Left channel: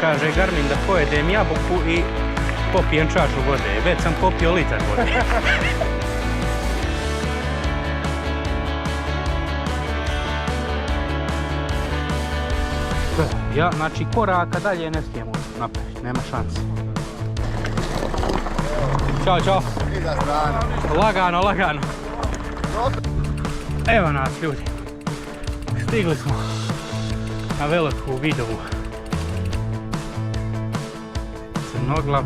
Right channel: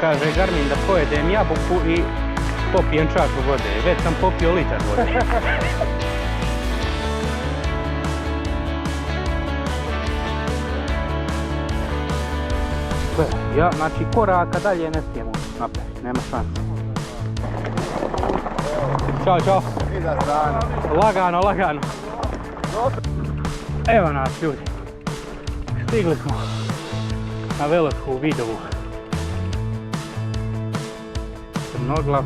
kaže Garmin da pojedem jabuku i popijem čašu vode. Već sam popio litar vode. Ja, znači koraka dalje ne smijemo napraviti, nema šanse. Ćao, čao. Lagano, lagano. Evo nas ljudi. Stigli smo na Veliku Vidovu. Crnoglav.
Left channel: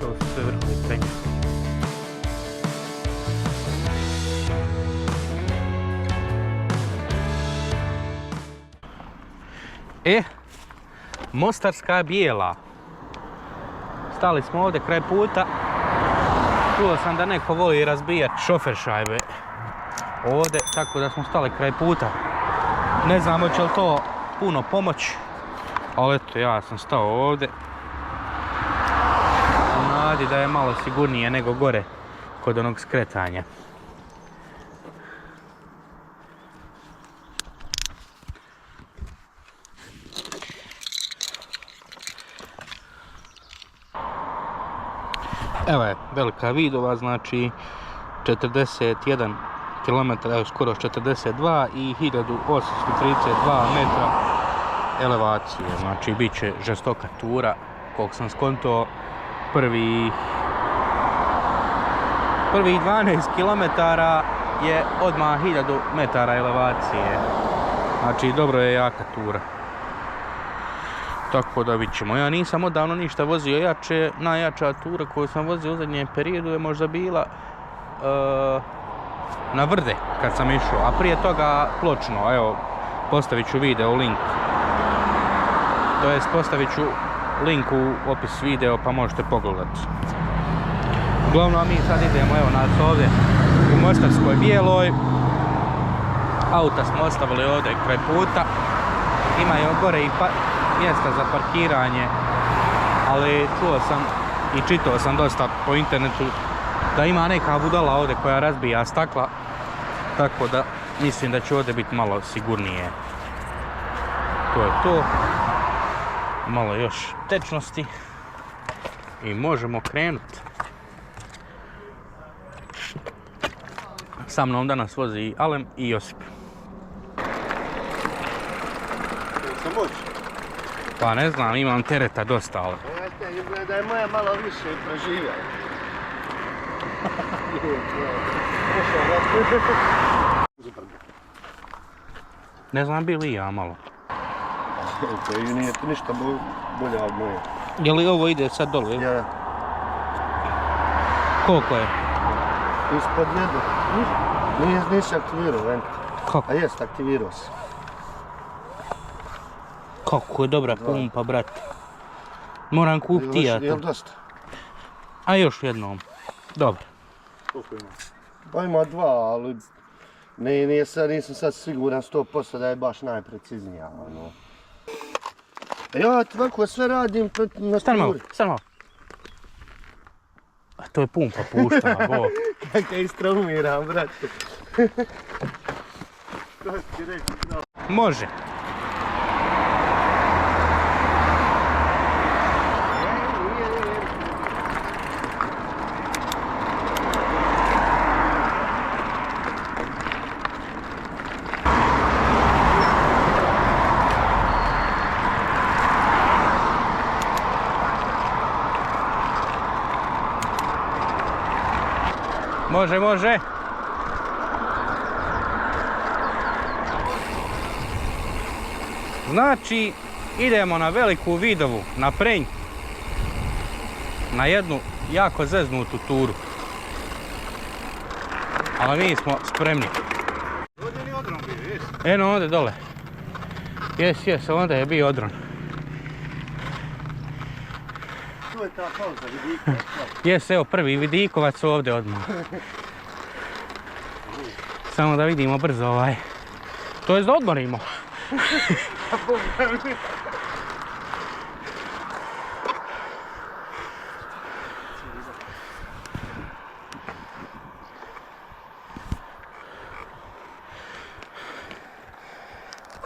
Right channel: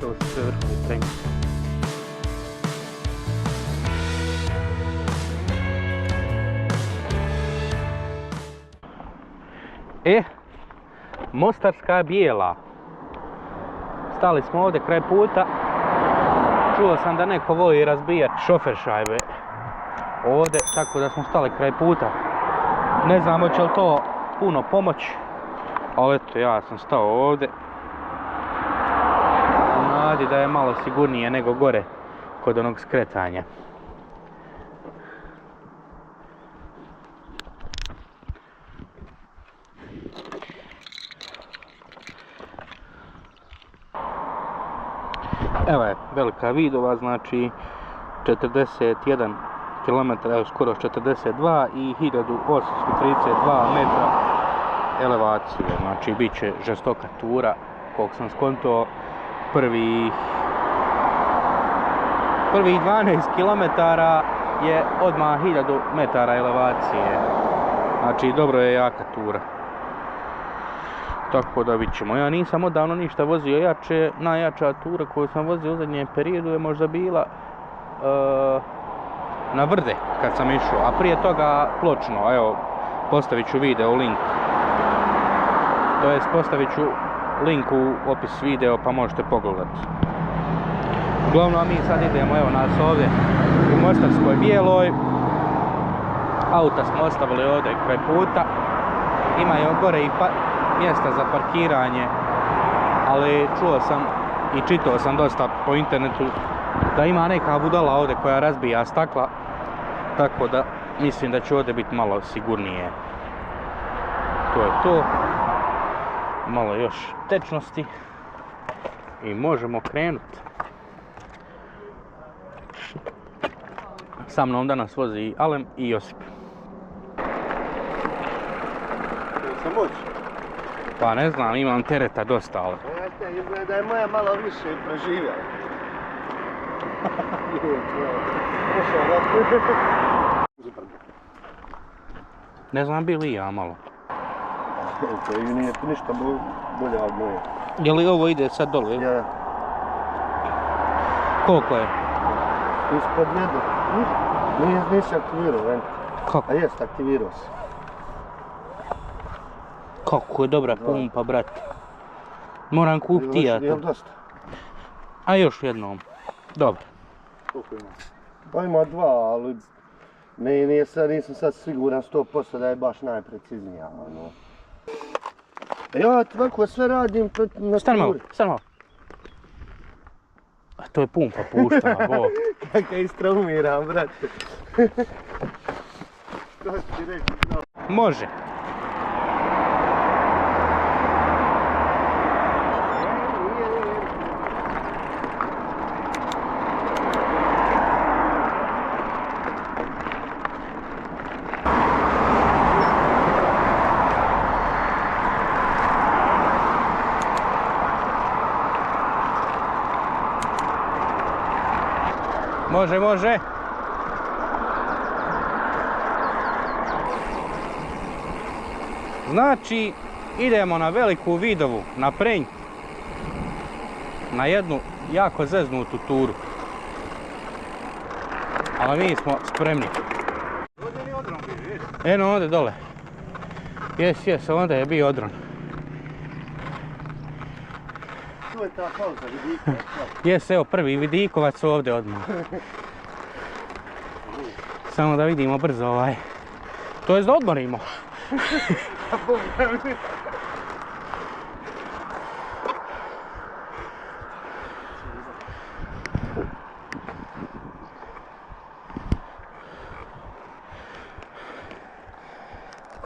To su sve vrhu penje. Mostarska Bijela. Stali smo ovdje kraj puta. Čuo sam da neko voli razbijati šofer šajbe ovdje, tako da smo stali kraj puta. Ne znam hoće li to puno pomoći, ali eto, ja sam stao ovdje u nadi da je malo sigurnije nego gore kod onog skretanja. Evo je Velika Vidova, znači 41 km, evo skoro 42 i 1832 metra elevacije. Znači bit će žestoka tura, koliko sam skonto, prvih 12 km je odmah 1000 metara elevacije. Znači dobro je jaka tura. Tako da vidit ćemo. Ja nisam odavno ništa vozio jače. Najjača tura koju sam vozio u zadnjem periodu je možda bila na Vrde kad sam išao, a prije toga Pločno. Evo, postavit ću video link. To jest postavit ću link u opis video pa možete pogledati. Uglavnom mi sad idemo, evo nas ovdje u Mostarskoj Bijeloj. Auta smo ostavili ovdje kraj puta. Imaju gore i mjesta za parkiranje, ali čuo sam i čitao sam dosta po internetu da ima neka budala ovdje koja razbija stakla, tako da mislim da će ovdje biti malo sigurnije. To je to. Malo još tečnosti i možemo krenuti. Sa mnom danas vozi i Alem i Josip. Pa ne znam, imam tereta dosta, ali... Izgleda da je moja malo više preživjela. Ne znam bi li ja malo. To nije ništa bolje od moje. Je li ovo ide sad dole? Ja. Koliko je? Ispod jedu. Nisi aktivirao, vent. Kako? A jest, aktivirao se. Kako je dobra pumpa, brate. Moram kupiti ja to. Jel dosta? A još jednom. Dobro. Koliko ima? Pa ima 2, ali nisam sad siguran 100% da je baš najpreciznija. Ja tako sve radim na sturi. Stani malo. A to je pumpa puštana, bo. Kako je istraumiram, brate. To ti reći, no. Može. Može, može. Znači, idemo na Veliku Vidovu, na Prenj. Na jednu jako zeznutu turu. Ali mi smo spremni. Ovdje je odron bio, jes? Eno, ovdje dole. Jes, onda je bio odron. Tu je ta pauza, vidikovac. Jes, evo prvi vidikovac ovdje odmah. Samo da vidimo brzo ovaj. To jest da odmorimo.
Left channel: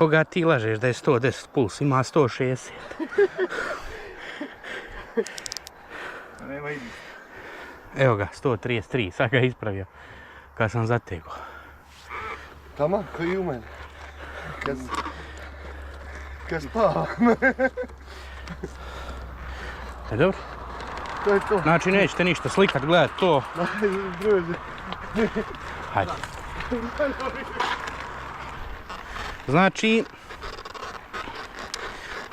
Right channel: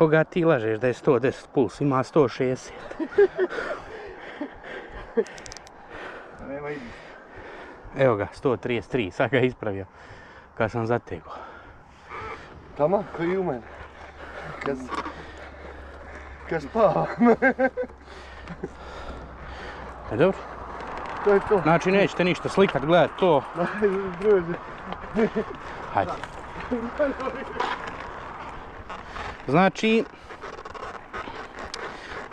Koga ti lažeš da je 110 puls, ima 160. Evo ga, 133, sad ga ispravio kad sam zategao. Tamo, koji i u mene. Kad spavam. Dobro? To je to. Znači nećete ništa slikat, gledat to. Druže. Hajde. Znači,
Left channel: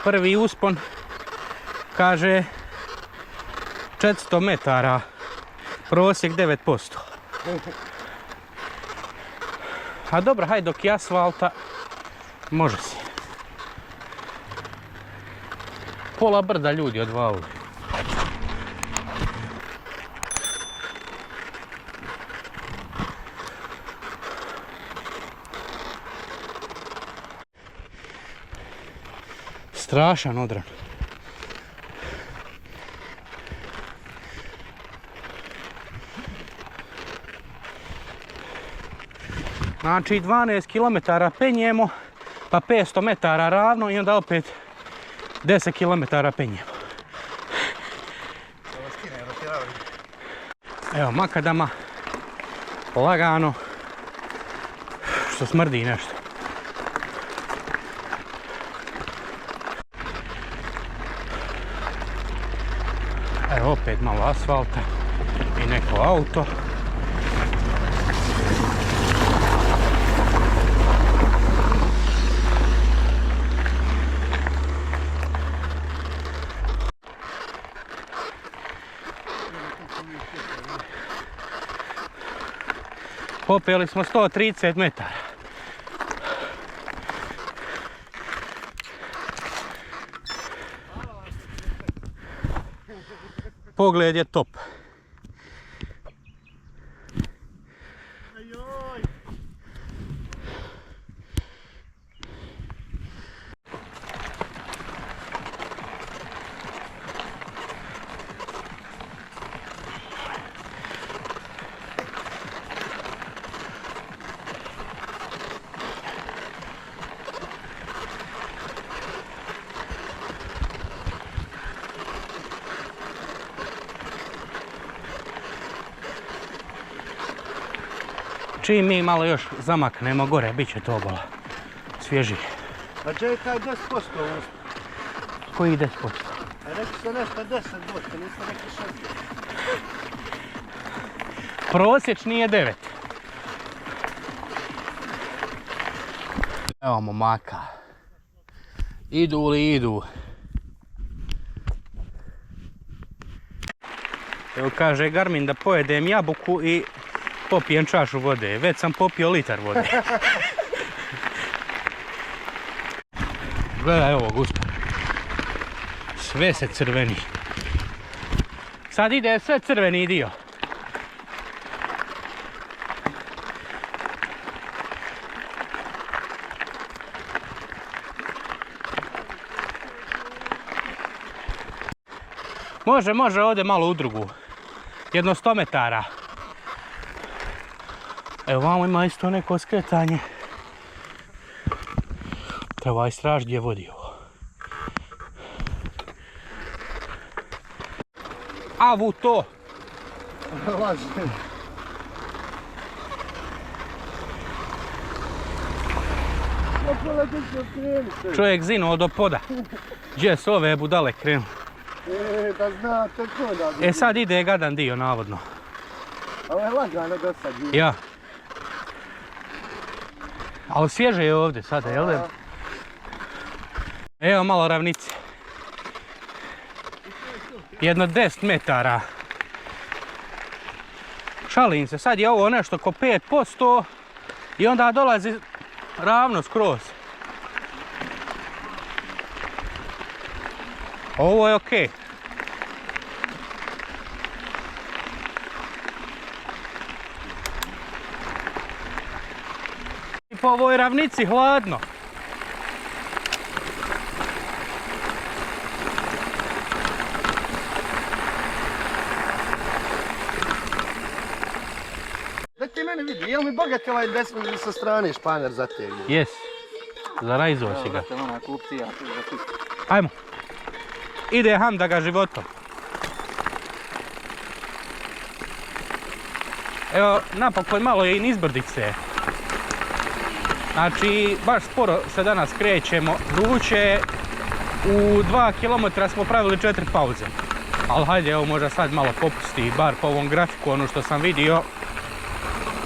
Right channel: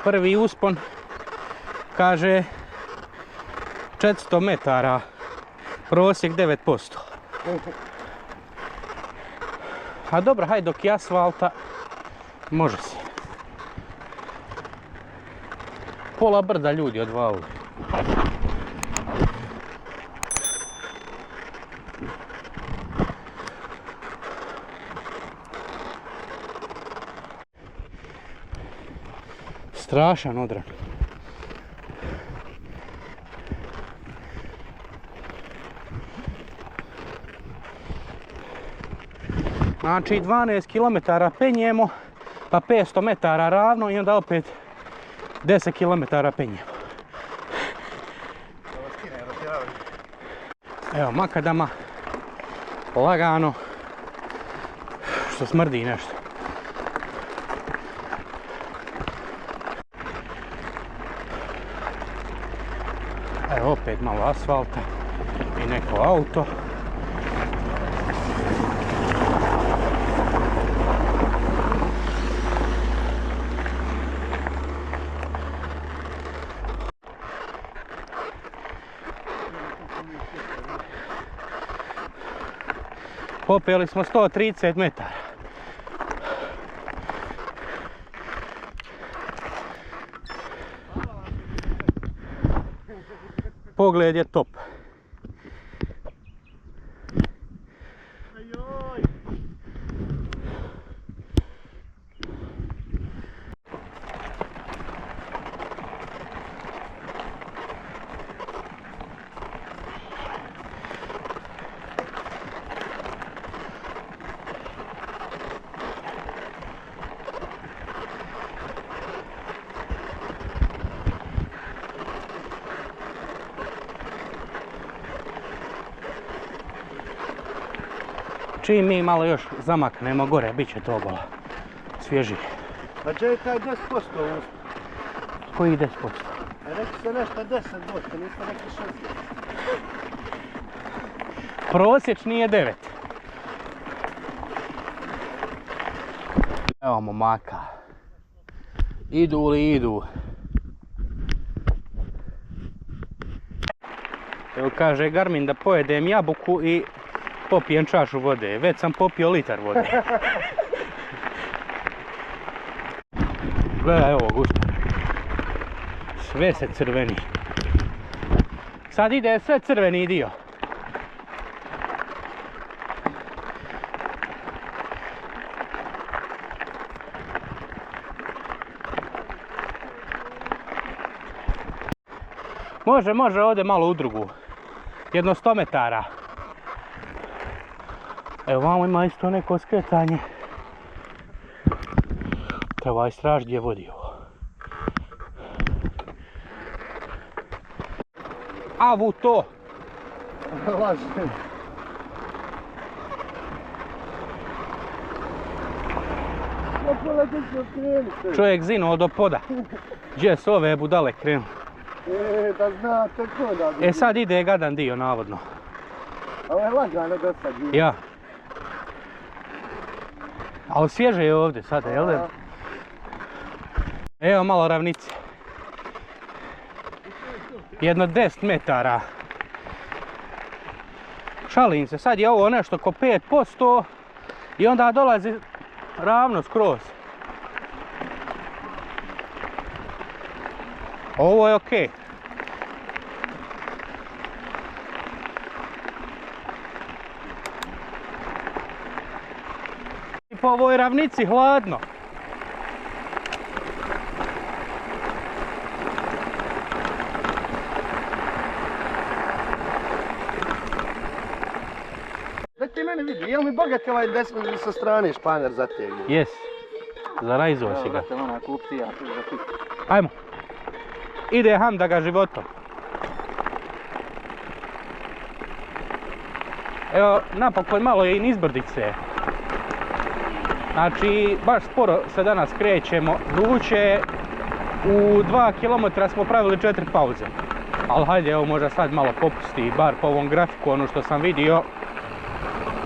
prvi uspon kaže 400 metara, prosjek 9%. A dobro, hajde dok je asfalta, može se. Pola brda ljudi odvalili. Strašan odran. Znači 12 km penjemo, pa 500 metara ravno i onda opet 10 km penjemo. Evo makadama, lagano, što smrdi nešto. Evo opet malo asfalta i neko auto. Popeli smo 130 metara. Pogled je top. Čim mi malo još zamaknemo gore, bit će to obala svježije. A gdje je taj 10% uspon? Koji 10%? Rekli ste nešto 10%, niste rekli 60%. Prosječni je 9. Evo momaka. Idu li idu. Evo kaže Garmin da pojedem jabuku i popijem čašu vode. Već sam popio litar vode. Gledaj ovo, gospodine. Sve se crveni. Sad ide sve crveni dio. Može ovdje malo u drugu. Jedno 100 metara. Evo vamo ima isto neko skretanje. Treba istražiti gdje vodi ovo. Avu to! Lažem. Čovjek zinuo do poda. Gdje su ove budale krenu? Da znate ko da bi. E sad ide gadan dio navodno. Ovo je lagano do sad. Ja. Ali svježe je ovdje sada, jel da? Evo malo ravnice. Jedno 10 metara. Šalim se, sad je ovo nešto oko 5% i onda dolazi ravno skroz. Ovo je okej. I po ovoj ravnici hladno. Da ti mene vidi, jel mi bogat ovaj desno sa strane španer zategli? Jes. Zarajzao si ga. Evo, brate, ona kupcija, tu za tu. Ajmo. Ide Hamda ga životom. Evo, napokon malo je i nizbrdice. Znači, baš sporo se danas krećemo. Vruće, u 2 km smo pravili 4 pauze. Ali hajde, evo možda sad malo popusti, bar po ovom grafiku, ono što sam vidio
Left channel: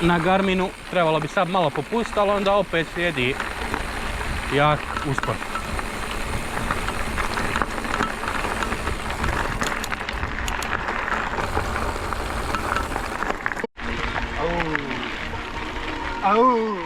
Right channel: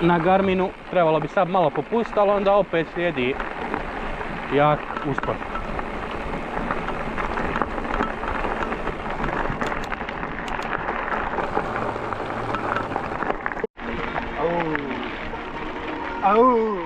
na Garminu, trebalo bi sad malo popustiti, ali onda opet slijedi jak uspon. Au!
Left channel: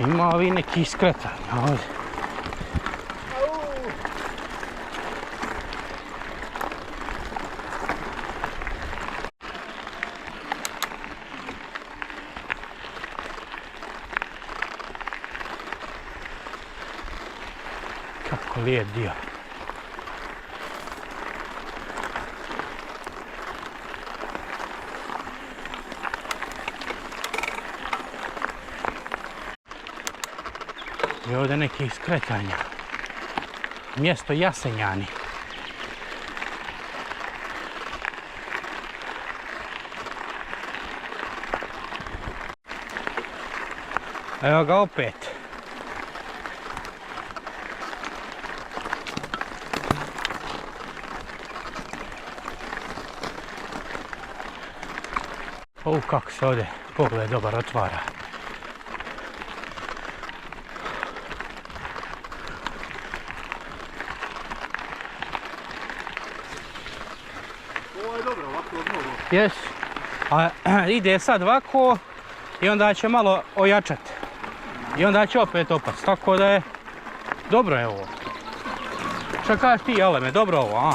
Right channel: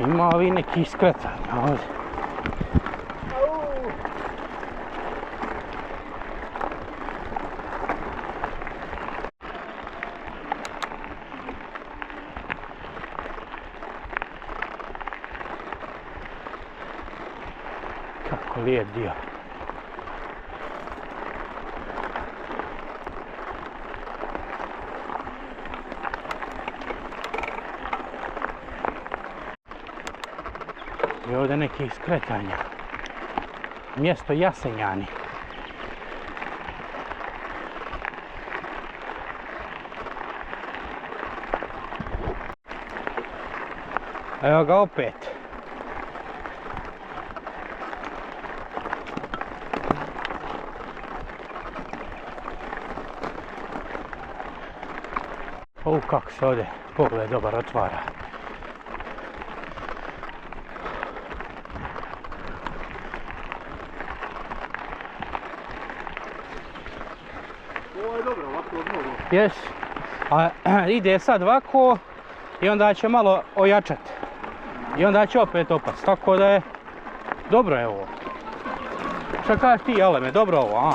Ima ovi neki iskretanja ovdje. Kako lijep dio. I ovdje neki iskretanja. Mjesto Jasenjani. Evo ga opet. Kako se ovdje pogled dobar otvara. Ovo je dobro, ovako od mnogo. Jes. A ide sad ovako i onda će malo ojačati. I onda će opet opast. Tako da je dobro je ovo. Šta kažeš ti, Aleme, dobro ovo, a?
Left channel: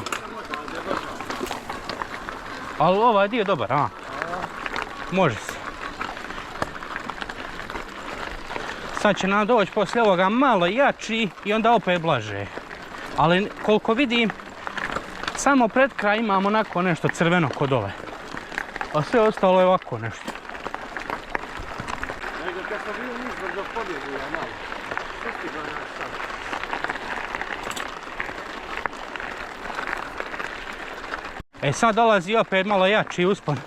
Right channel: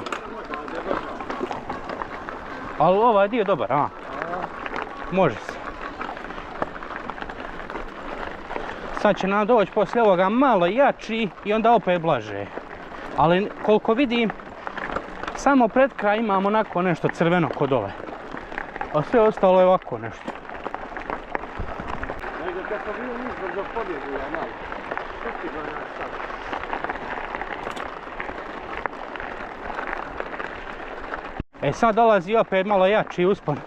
Ali ovaj dio dobar, a? Može se. Sad će nam doći poslije ovoga malo jači i onda opet blaže. Ali koliko vidim, samo pred kraj imamo onako nešto crveno kod ove. A sve ostalo je ovako nešto. Nego kad sam bio nizbrdo pobjegu ja malo. Što ti ga naš sad? E sad dolazi opet malo jači uspon.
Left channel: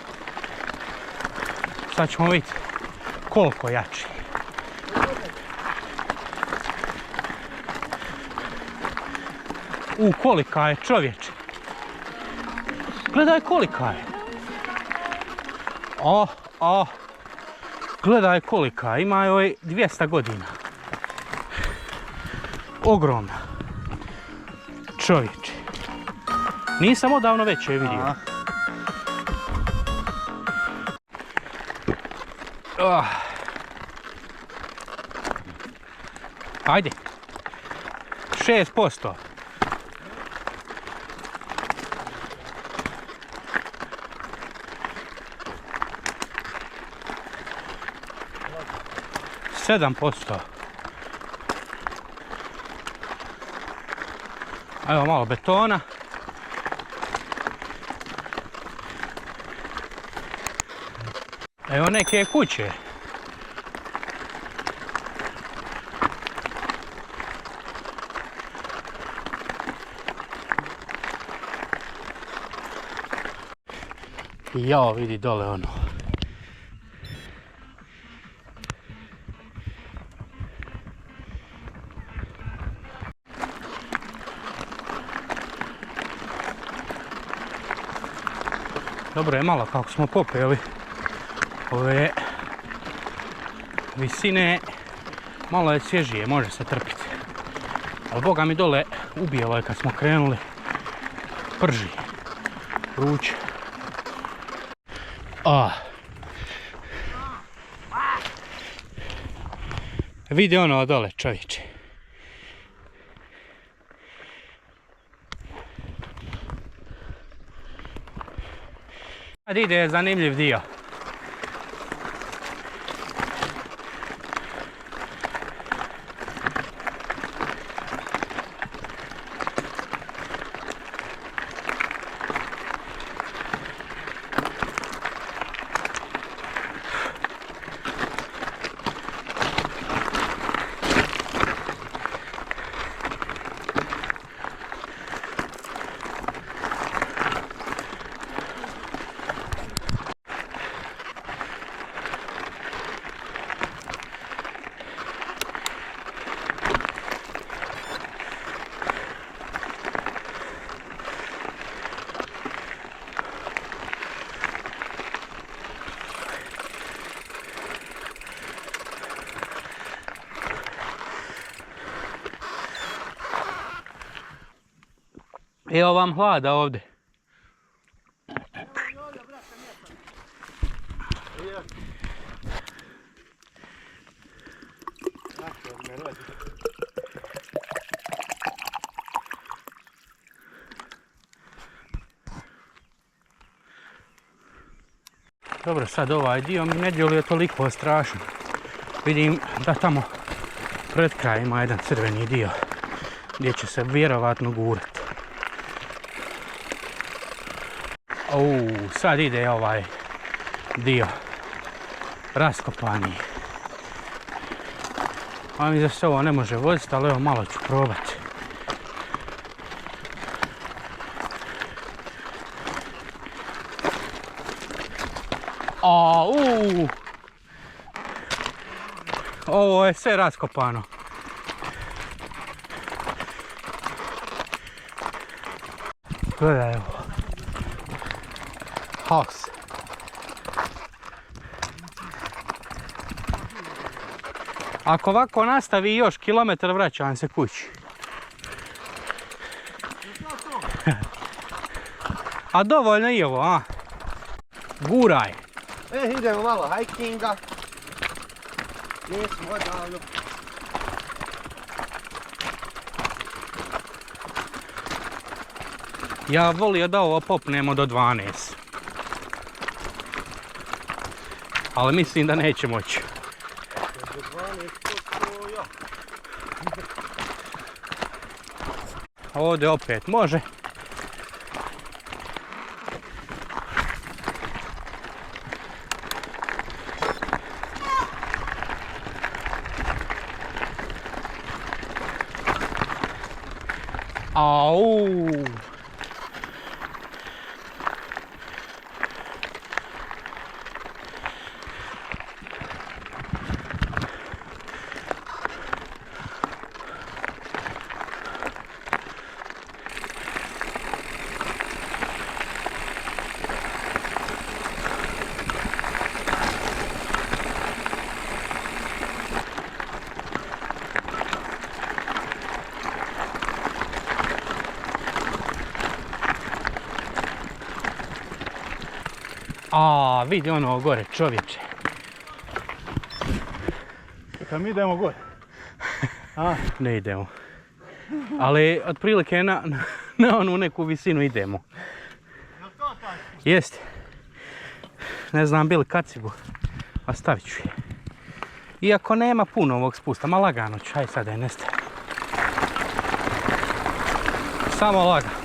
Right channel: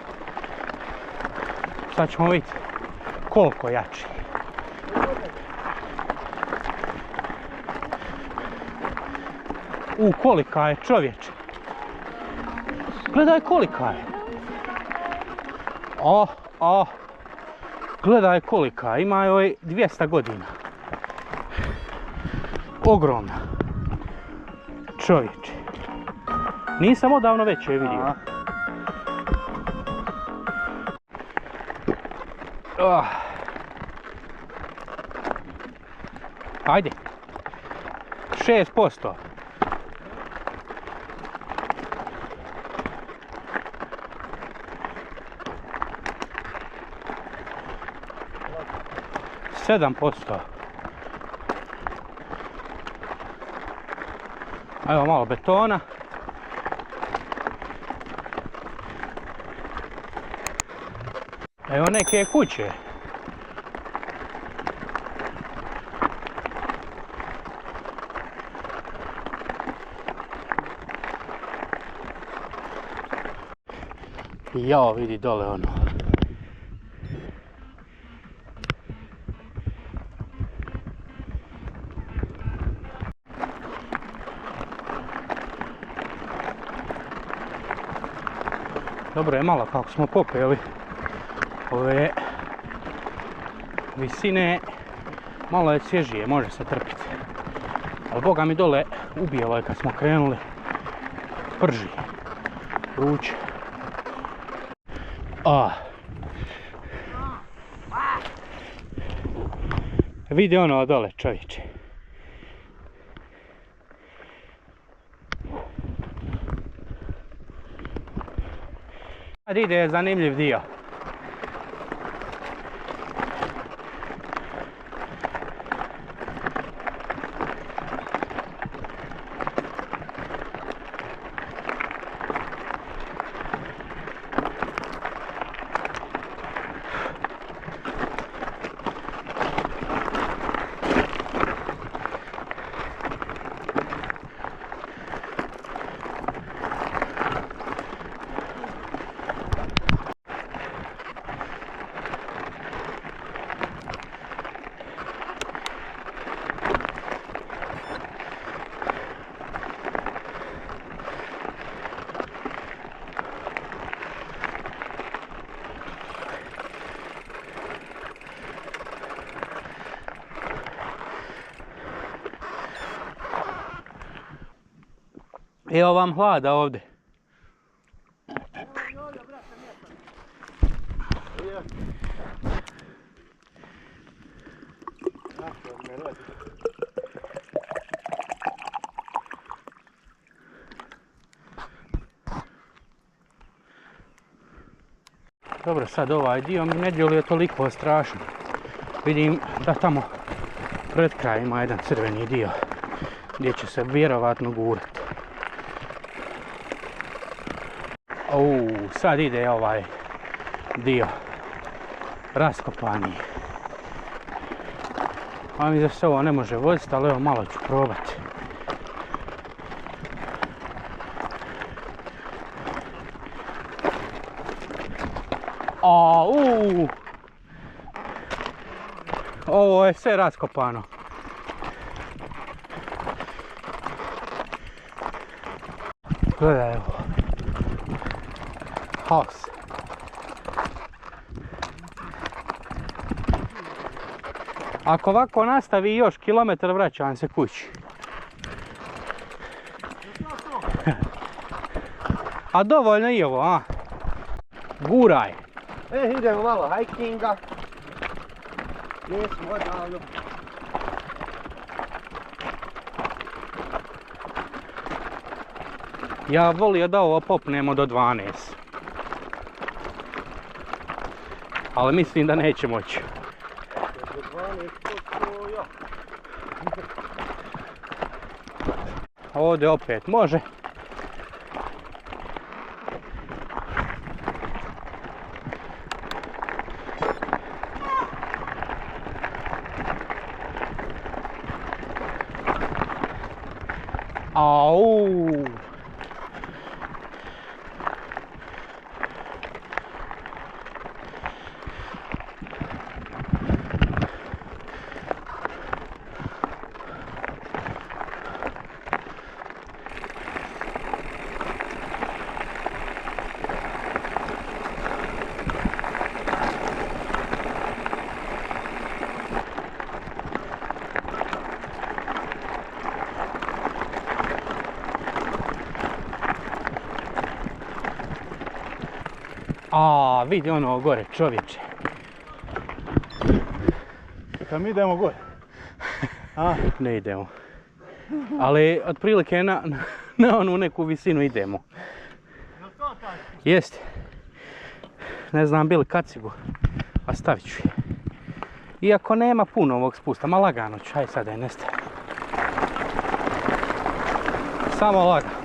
Sad ćemo vidjeti koliko jači. Kolika je, čovječe. Gledaj kolika je. Gledaj kolika je. Ima joj 200 godina. Ogromna. Čovječe. Nisam odavno već je vidio. Ajde. 6%. Sedam posto. Evo malo betona. Evo neke kuće. Jao, vidi dole ono. Dobro je malo kako smo popeli ove visine, malo je svježije, može se trpiti. Ali boga mi dole ubijalo je kad smo krenuli, prži, vruće. Vidi ono dole, čovječe. Sad ide zanimljiv dio. Evo vam hlada ovdje. Dobro, sad ovaj dio mi ne djeluje toliko strašno. Vidim da tamo pred kraj ima jedan crveni dio gdje će se vjerovatno gurati. Sad ide ovaj dio raskopani. A mi da se ovo ne može voziti, ali evo malo ću probati. Ovo je sve raskopano. Gledaj ovo. Haos. Ako ovako nastavi još kilometar, vraćam se kući. A dovoljno i ovo, a? Guraj. Idemo malo hikinga. Nismo odavno. Ja volio da ovo popnemo do 12. Ali mislim da neće moći. Ovdje opet može. Au! Vidi ono gore, čovječe. Kad mi idemo gore? Ne idemo. Ali otprilike na onu neku visinu idemo. Jel to taj? Jeste. Ne znam bili kacigu, a stavit ću je. Iako nema puno ovog spusta, ma lagano ću, aj sad da je nestaje. Samo lagano.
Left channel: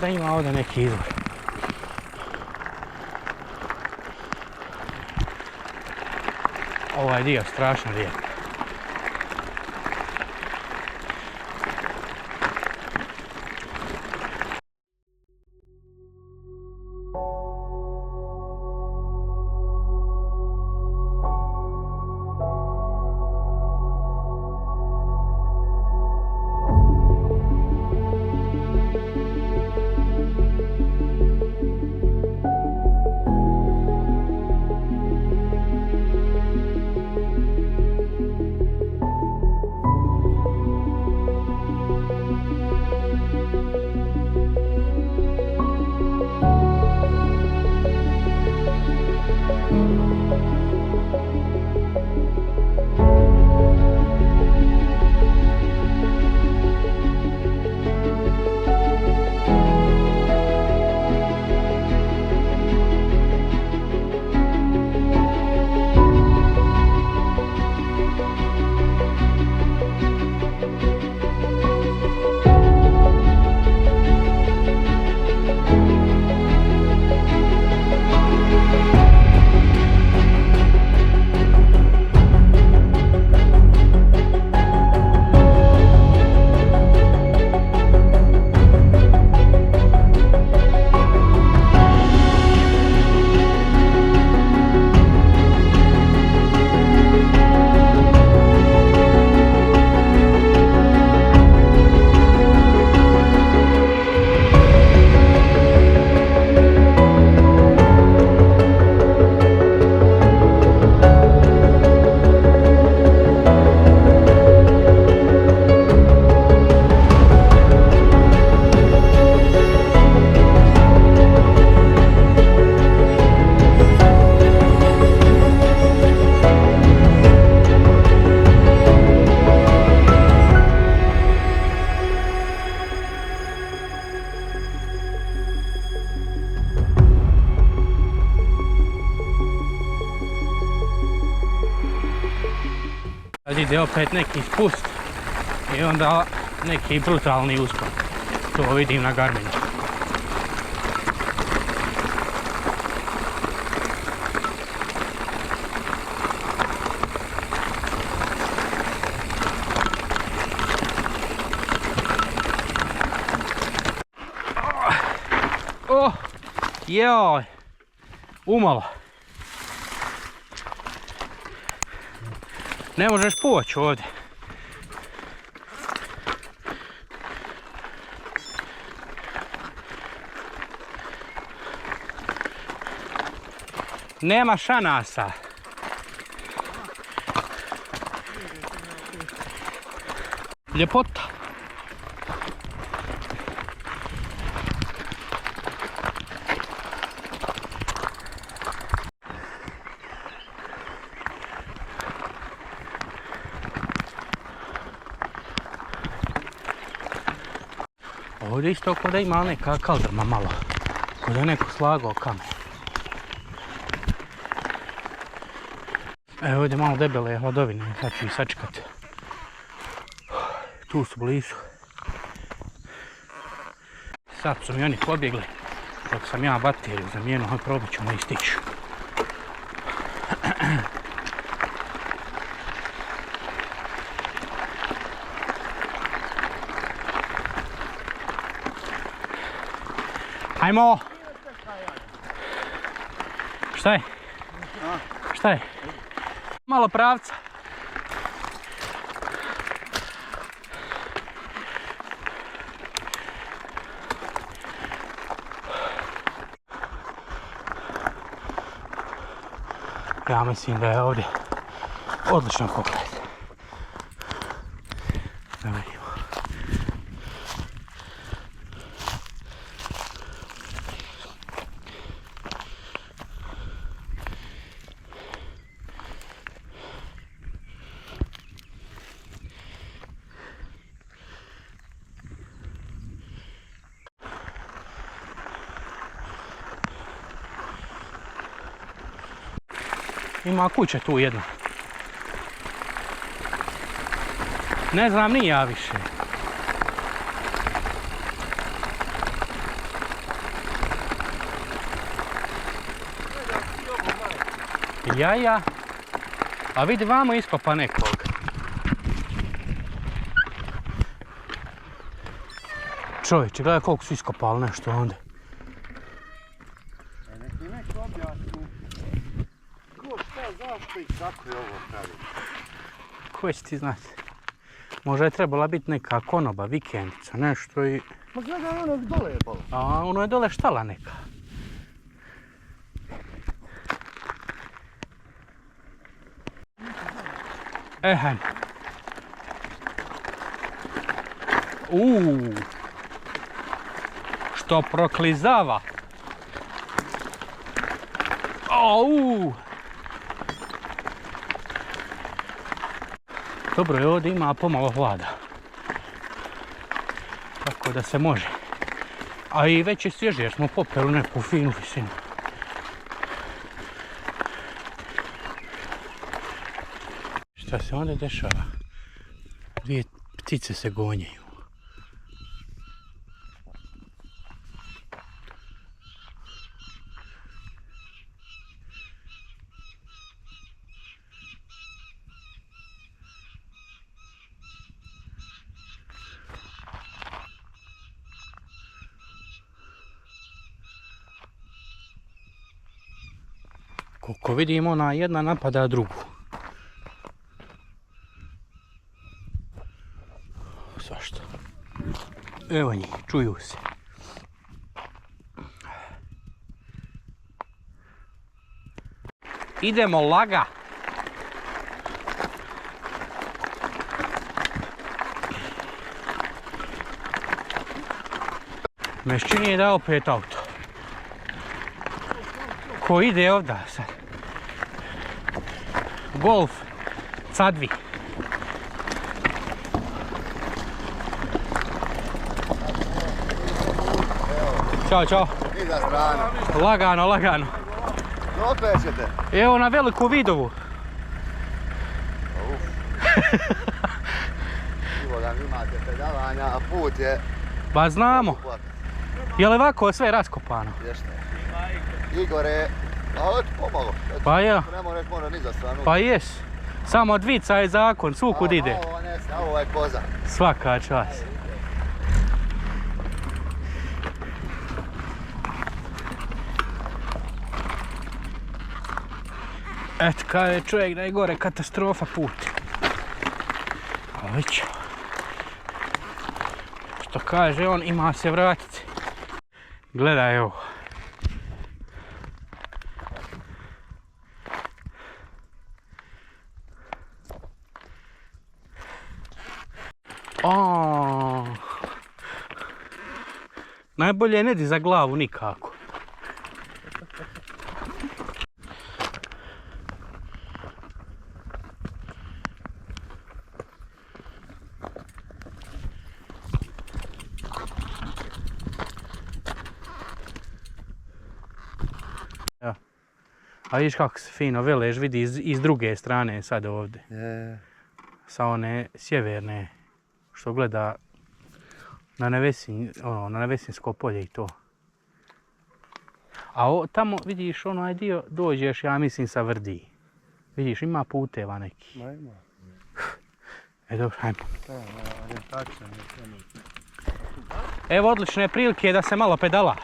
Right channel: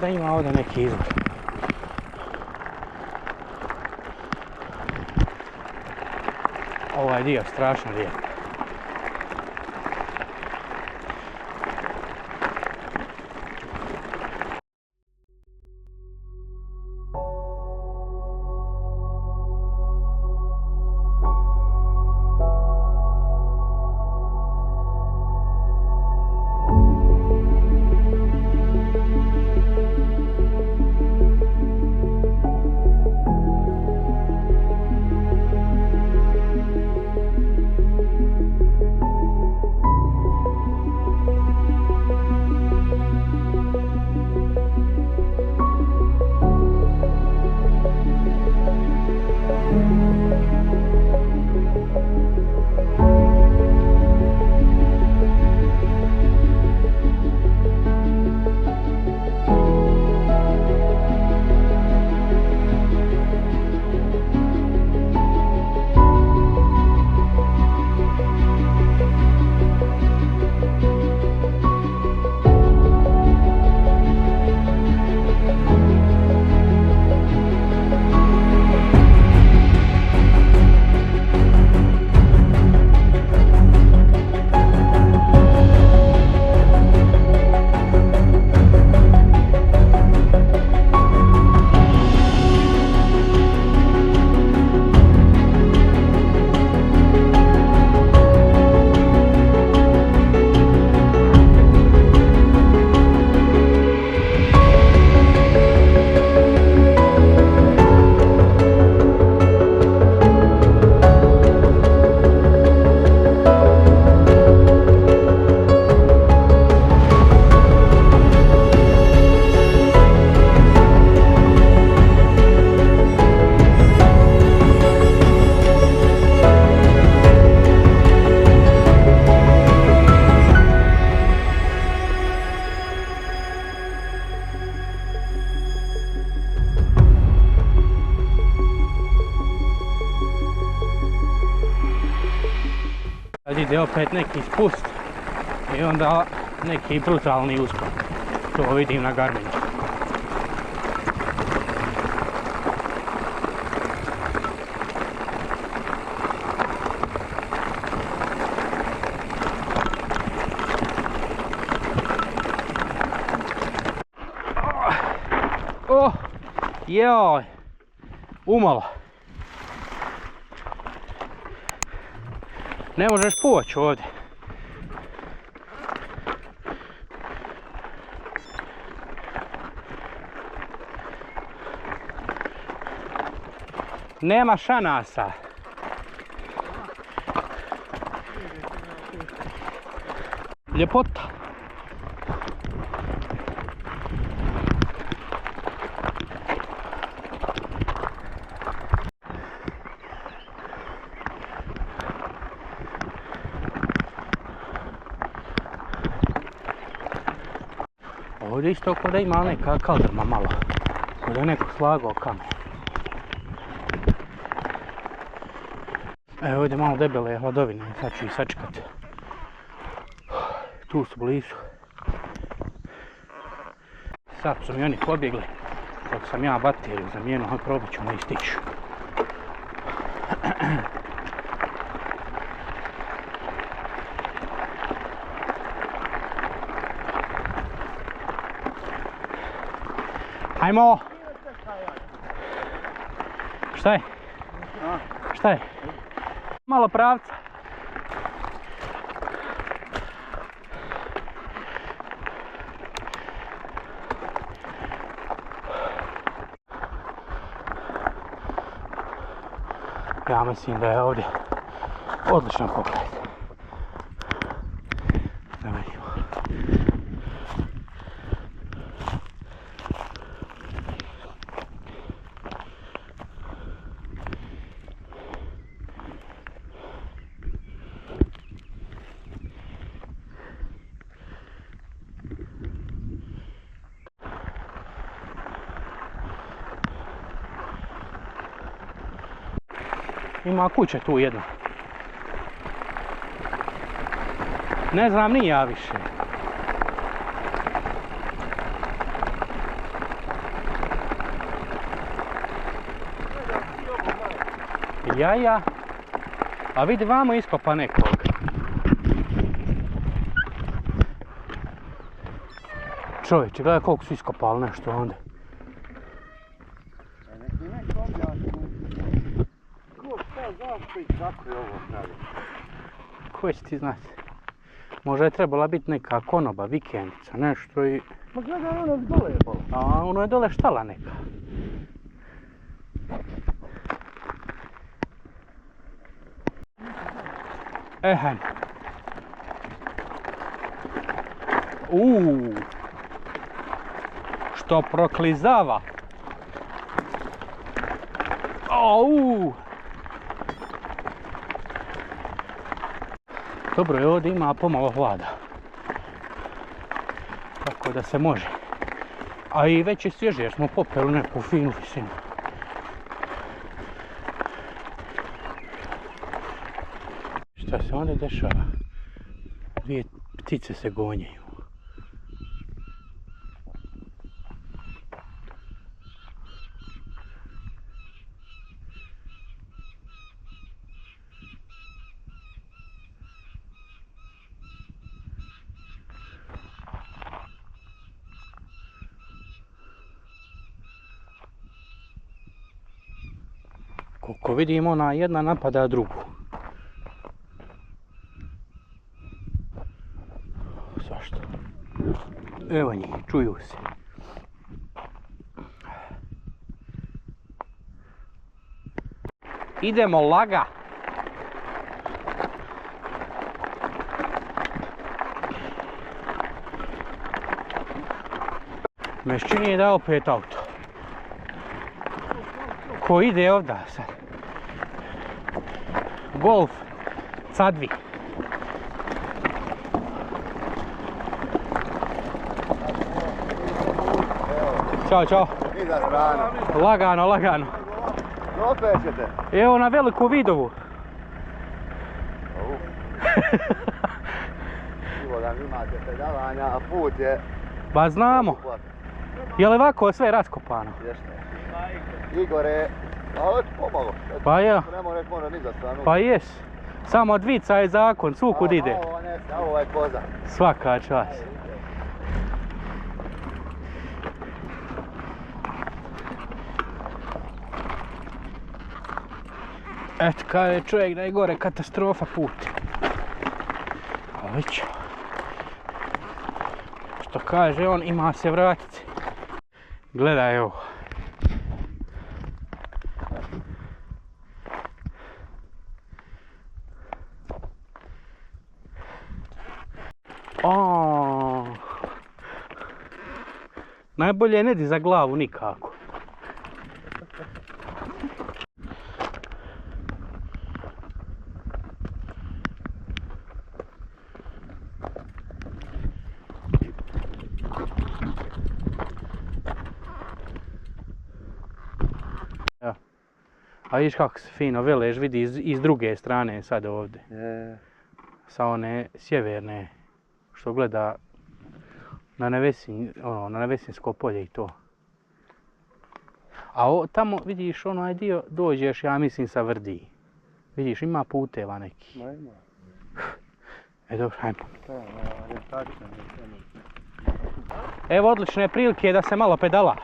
Da ima ovdje neki izvor. Ovaj dio strašno lijep. ide opet neki spust i onda neki brutalni uspon. To vidim na Garminu. Oh, joj, umalo. Ne možeš poći ovdje. Nema šanasa. Ljepota. Ovdje isto kod da ima neka kaldrma malo. Kod da je neko slagao kamen. Evo ovdje malo debele hladovine, sad ću ih sačekati. Tu su blizu. Sad su mi oni pobjegli, dok sam ja bateriju zamijenio, ali probat ću da ističu. Hajmo! Šta je? Šta je? Malo pravca. Ja mislim da je ovdje odličan pogled. Da vidimo. Ima kuća tu jedna. Ne znam ni ja više. Ja. A vidi vamo iskopa nekog. Čovječe, gledaj koliko su iskopali nešto onda. Ko će ti znati? Možda je trebala biti neka konoba, vikendica, nešto i... Ma gledaj, ono dole je polo. A ono je dole štala neka. Hajmo. Što proklizava. Dobro je, ovdje ima pomalo hlada. Tako da se može. A i već je svježe jer smo popeli neku finu visinu. Šta se onda dešava? Dvije ptice se gonjaju. Koliko vidimo, ona jedna napada drugu. Svašta. Evo njih, čuju se. Idemo laga. Mešćin je dao opet auto. Ko ide ovdje sad? Golf, Cadvi. Ćao. Iza strana. Lagano. Dokle ćete? Evo na Veliku Vidovu. Silodan imate pedalanja, a put je... Ba znamo. Je li ovako sve raskopano? Jeste. Igore, a ovo ti pomalo. Pa ja. Ne mora reći, mora ni za stranu. Pa jes. Samo dvica je zakon, svukud ide. Ovo ne zna, ovo je koza. Svaka čast. Eto, kada je čovjek da je gore katastrofa put. Ali ću. Što kaže on, ima se vratiti. Gledaj ovo. Najbolje ne di za glavu nikako. Ja. A vidiš kako se fino velež vidi iz druge strane sad ovdje. Sa one sjeverne što gleda na Nevesinsko polje i to. A tamo vidiš onaj dio dođeš, ja mislim, sa Vrdi. Vidiš, ima puteva neki. Ma ima. Dobro, ajmo. Evo odlične prilike da se malo pedala.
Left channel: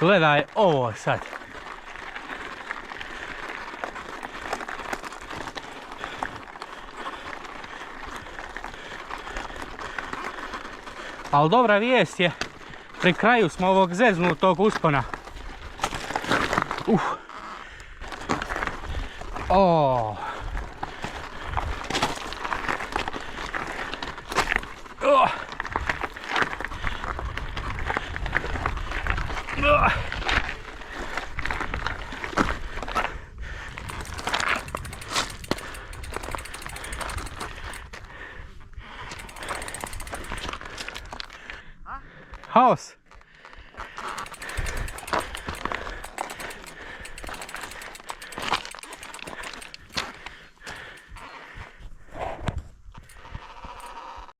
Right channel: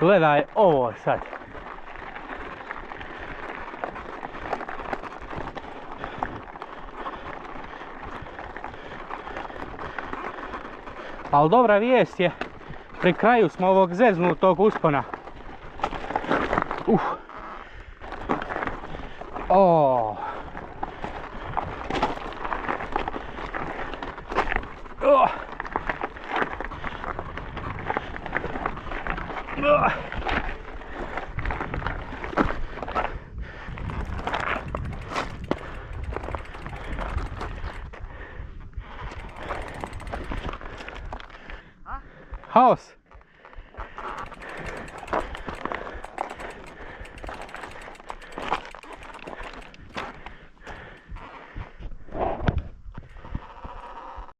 Gledaj ovo sad. Ali dobra vijest je, pri kraju smo ovog zeznutog uspona. Haos.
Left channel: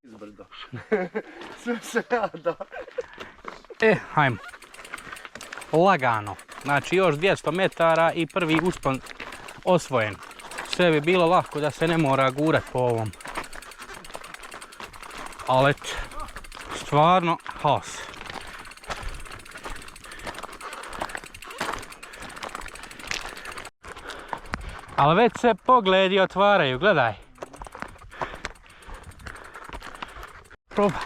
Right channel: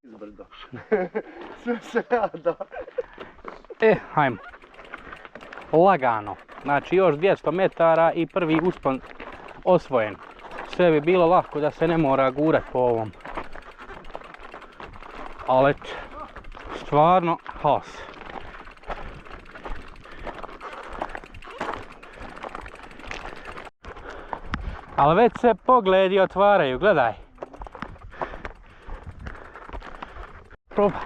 Izbrdo. Sve se rada. Hajmo. Lagano. Znači još 200 metara i prvi uspon osvojen. Sve bi bilo lako da se ne mora gurat po ovom. Ali stvarno haos. Ali već se pogledi otvaraju, gledaj. Probaj.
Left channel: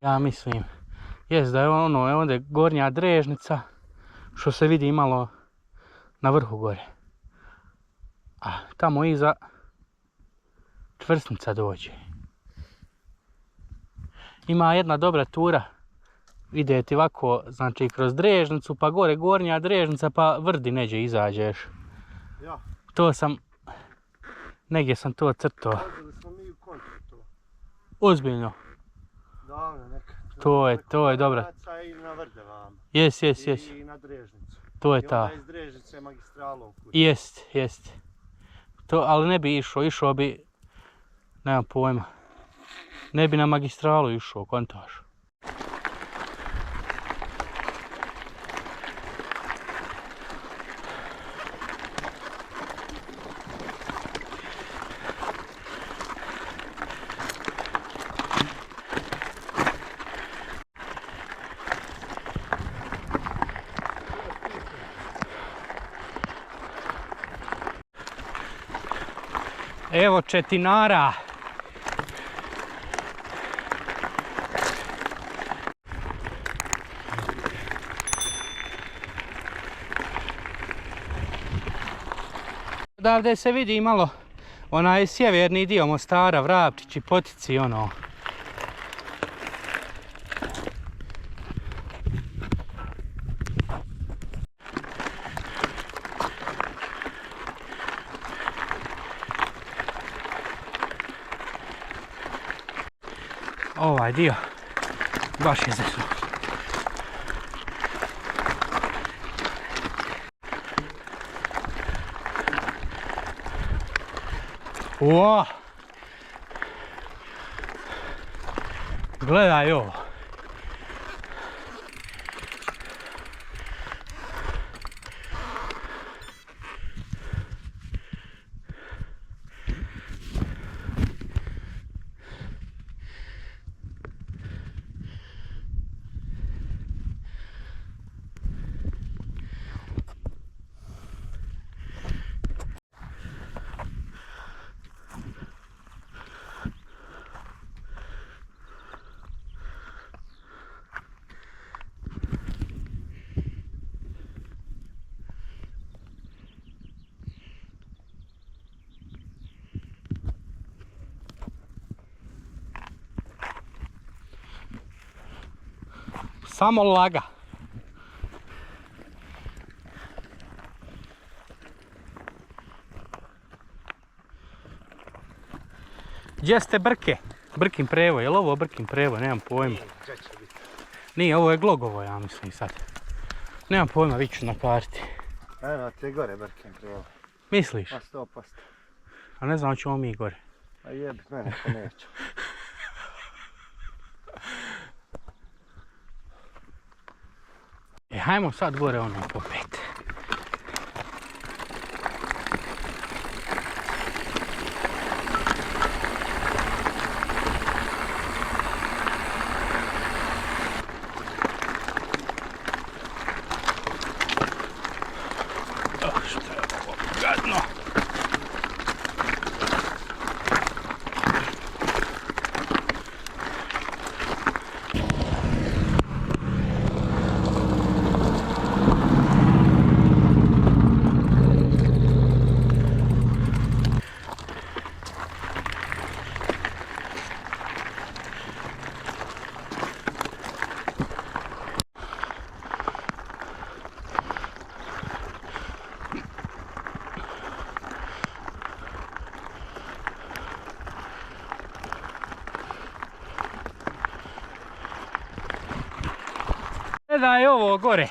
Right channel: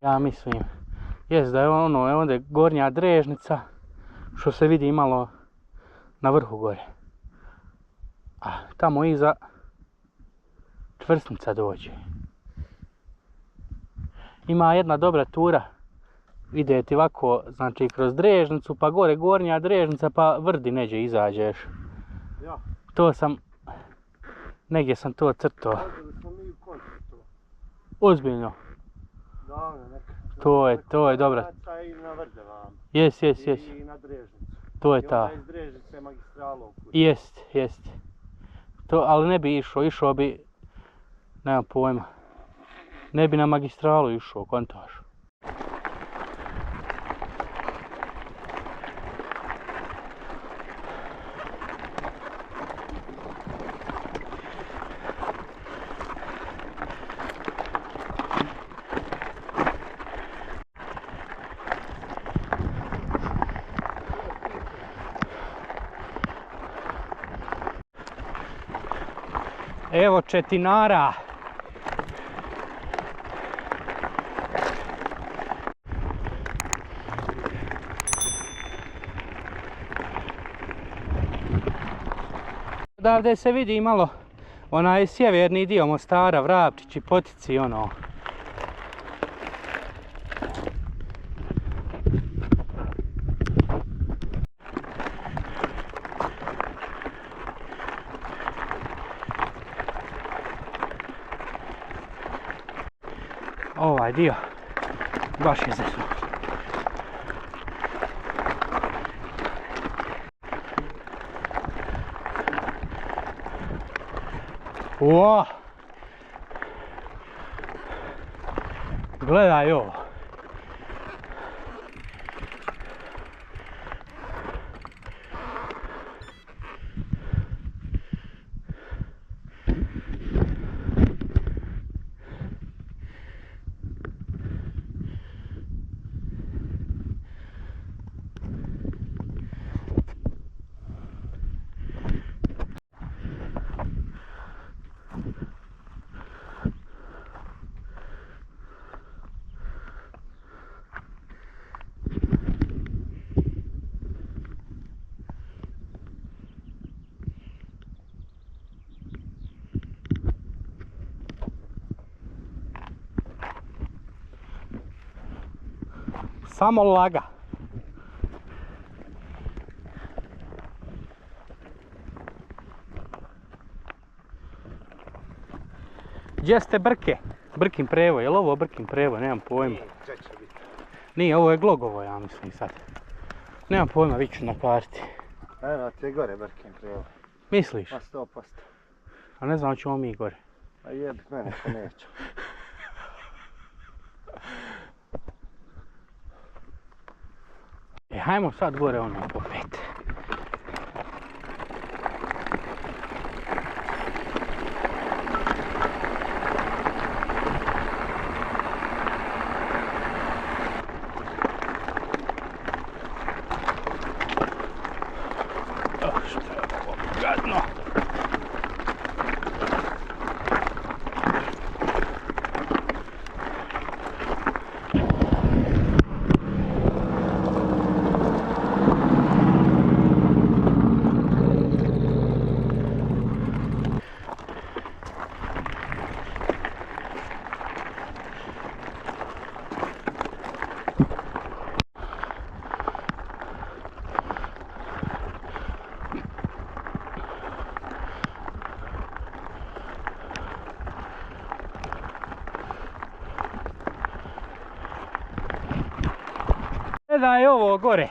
Ja mislim, jest da je ono, evo ovdje gornja Drežnica, što se vidi malo na vrhu gore. A tamo iza čvrsnica dođe. Ima jedna dobra tura, ide ti ovako, znači kroz Drežnicu, pa gore gornja Drežnica, pa Vrdi neđe izađeš. Ja. To sam, negdje sam to crtao. Radili smo mi u kontru. Ozbiljno. Davno nekad. To je dobra. I na Vrde vam. Jes. I na Drežnicu. To je ta. I onda iz Drežnice magistralom. Jest. To, ali ne bi išao bi, nemam pojma. Ne bi na magistralu išao, kontaš. Evo četinara. Odavde se vidi malo onaj sjeverni dio Mostara, Vrapčići, Potici, ono. Ovaj dio baš je zezno. Uo! Gledaj ovo. Samo laga. Gdje ste Brke? Brkin Prevo, je li ovo Brkin Prevo? Nemam pojma. Nije, ovo je Glogovo, ja mislim sad. Nemam pojma, vidit ću na karti. Evo ti je gore Brkin Prevo. Misliš? Pa 100%. A ne znam, hoćemo mi gore. A jebit mene ko neću. Hajmo sad gore ono popet. Što je ovo gadno. Gledaj ovo gore.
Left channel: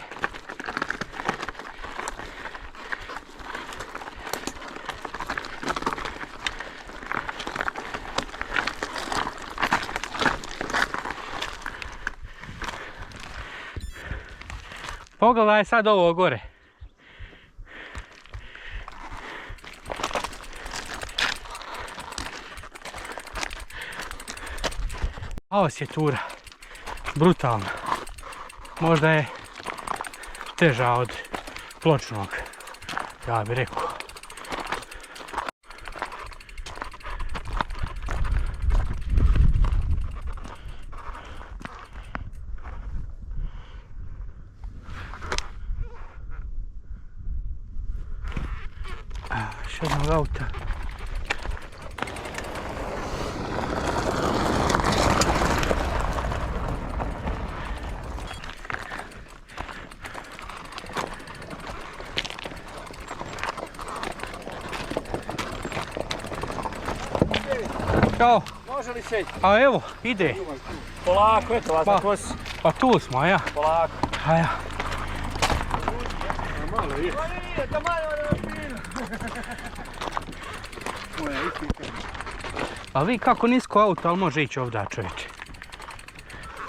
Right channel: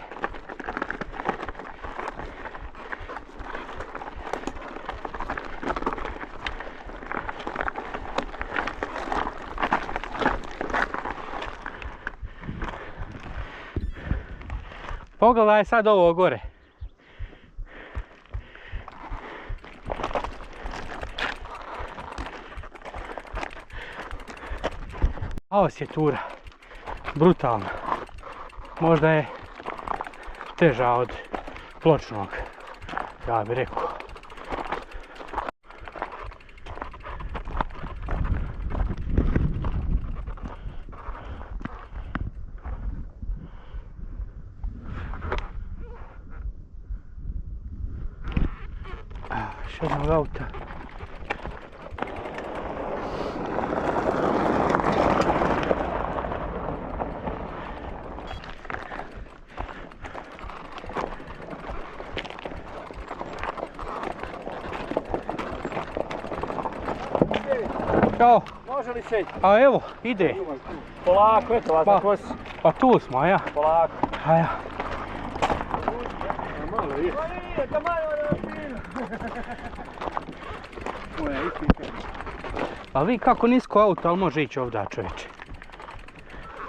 Pogledaj sad ovo gore. Ovo je tura. Brutalna. Možda je teža od Pločnog, ja bih rekao. Još jednog auta. Ćao. Može li se? A evo, ide. Polako, eto vas na kosi. Pa tu smo, a ja. Polako. A ja. Malo je. Nije, to malo je fino. Moja istinka. A vi kako nisko auto, ali može ići ovdje, čovječe.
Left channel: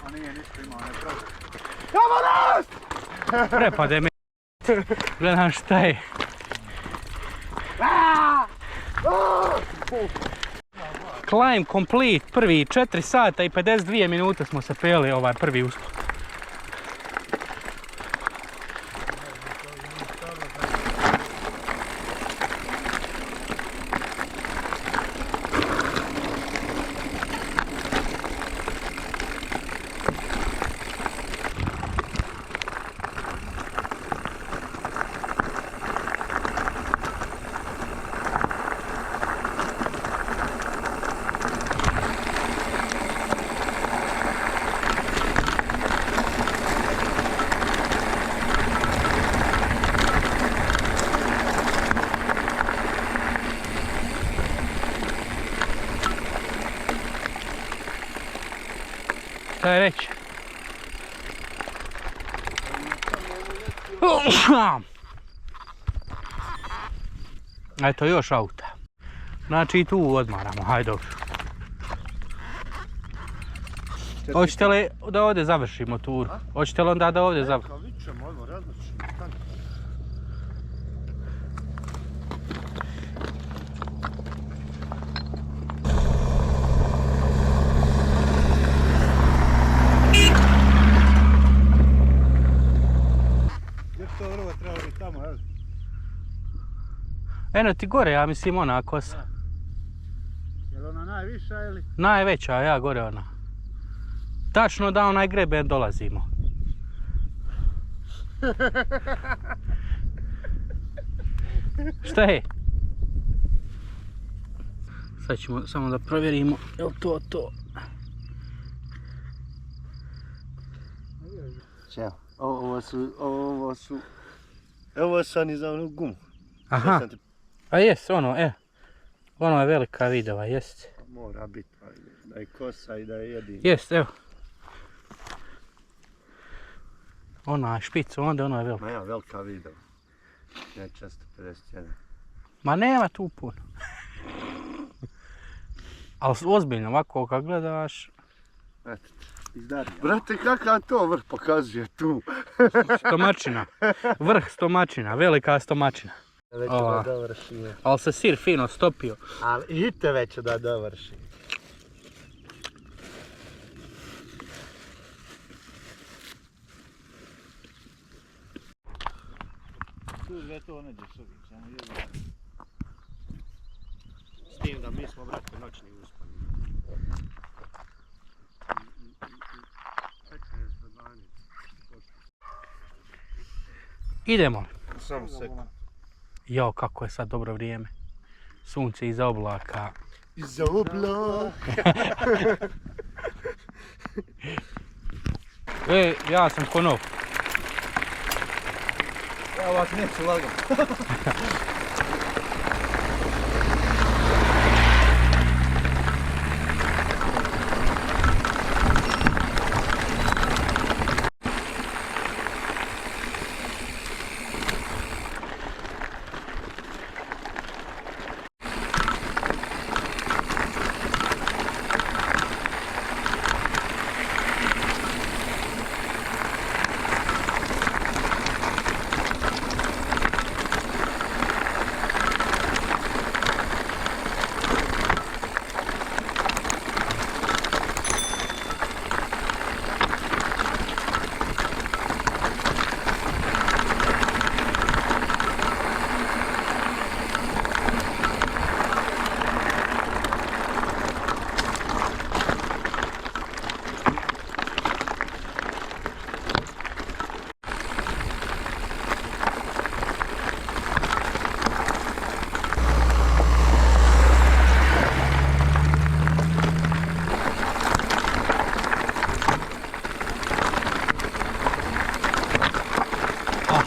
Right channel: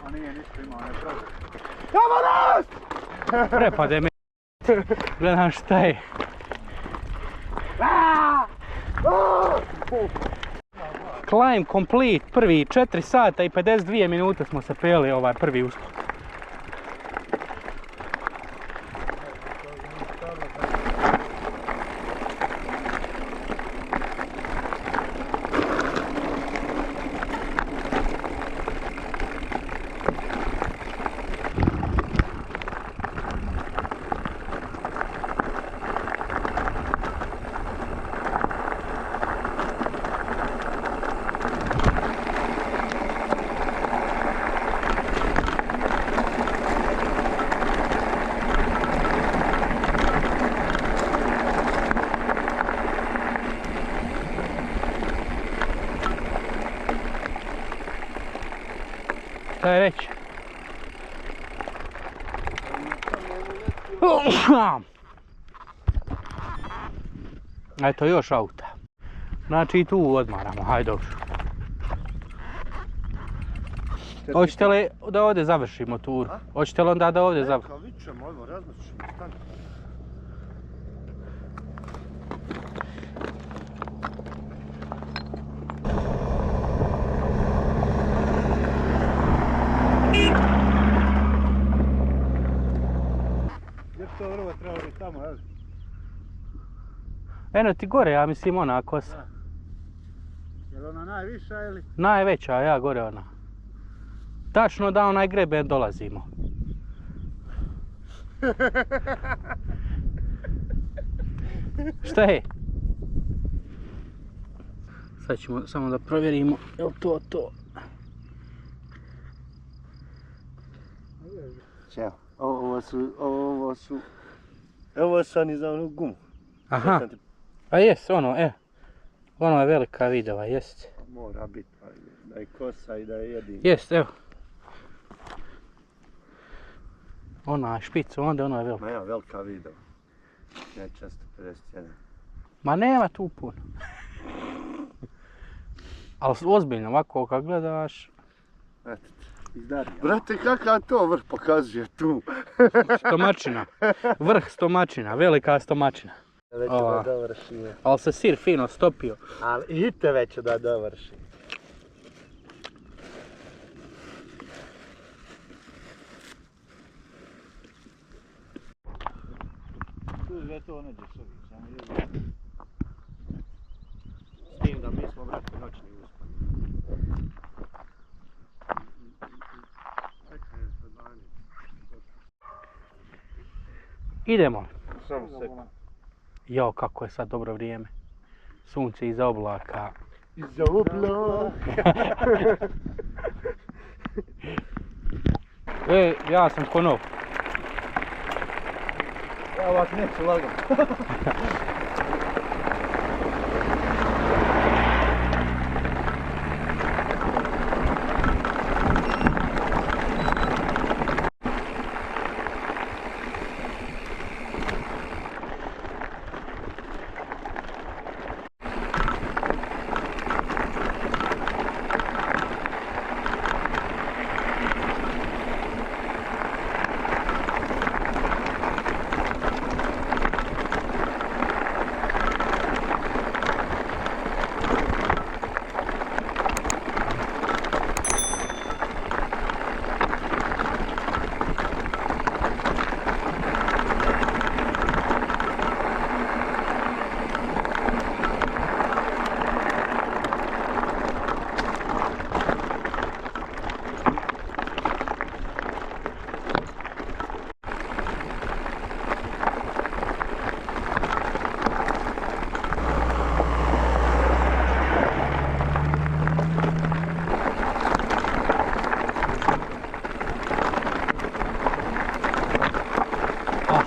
A nije nisko imao, ne pravi. Prepade me. Gledam šta je. Climb complete, prvi 4 sata i 52 minute smo se peli ovaj prvi uspon. Šta je reći? Eto još auta. Znači i tu odmaramo, hajde dobro. Hoćete li da ovdje završimo turu? Hoćete li onda da ovdje završimo? Vidit ćemo, odmah različimo. Gdje bi to drvo trebalo biti tamo, jel? Eno ti gore, ja mislim ona kosa. Je li ona najviša ili? Najveća, ja gore ona. Tačno da onaj greben dolazimo. Šta je? Sad ćemo samo da provjerimo, je li to to? Čeo, ovo su... Evo sam i za onu gumu. Aha, a jes ono, ono je velika vidova, jest. Mora biti, da je kosa i da je jedin. Jest, evo. Ona je špica, onda ona je velika. Ma ja, velika vidova. Ne, 451. Ma nema tu puno. Ali ozbiljno, ovako kad gledaš... Eto, brate, kakav to vrh pokazuje tu? Stomačina. Vrh stomačina, velika stomačina. Već da dovršimo. Ali se sir fino stopio. Ali idite već da dovršimo. Tu sve to neđe sobi, samo jedno. S tim da mi smo, brate, noćni uspani. Idemo li? Samo sekund. Jao, kako je sad dobro vrijeme. Sunce iza oblaka. Iza oblaka. Ja sam ko nov. Ja ovak neću lagom.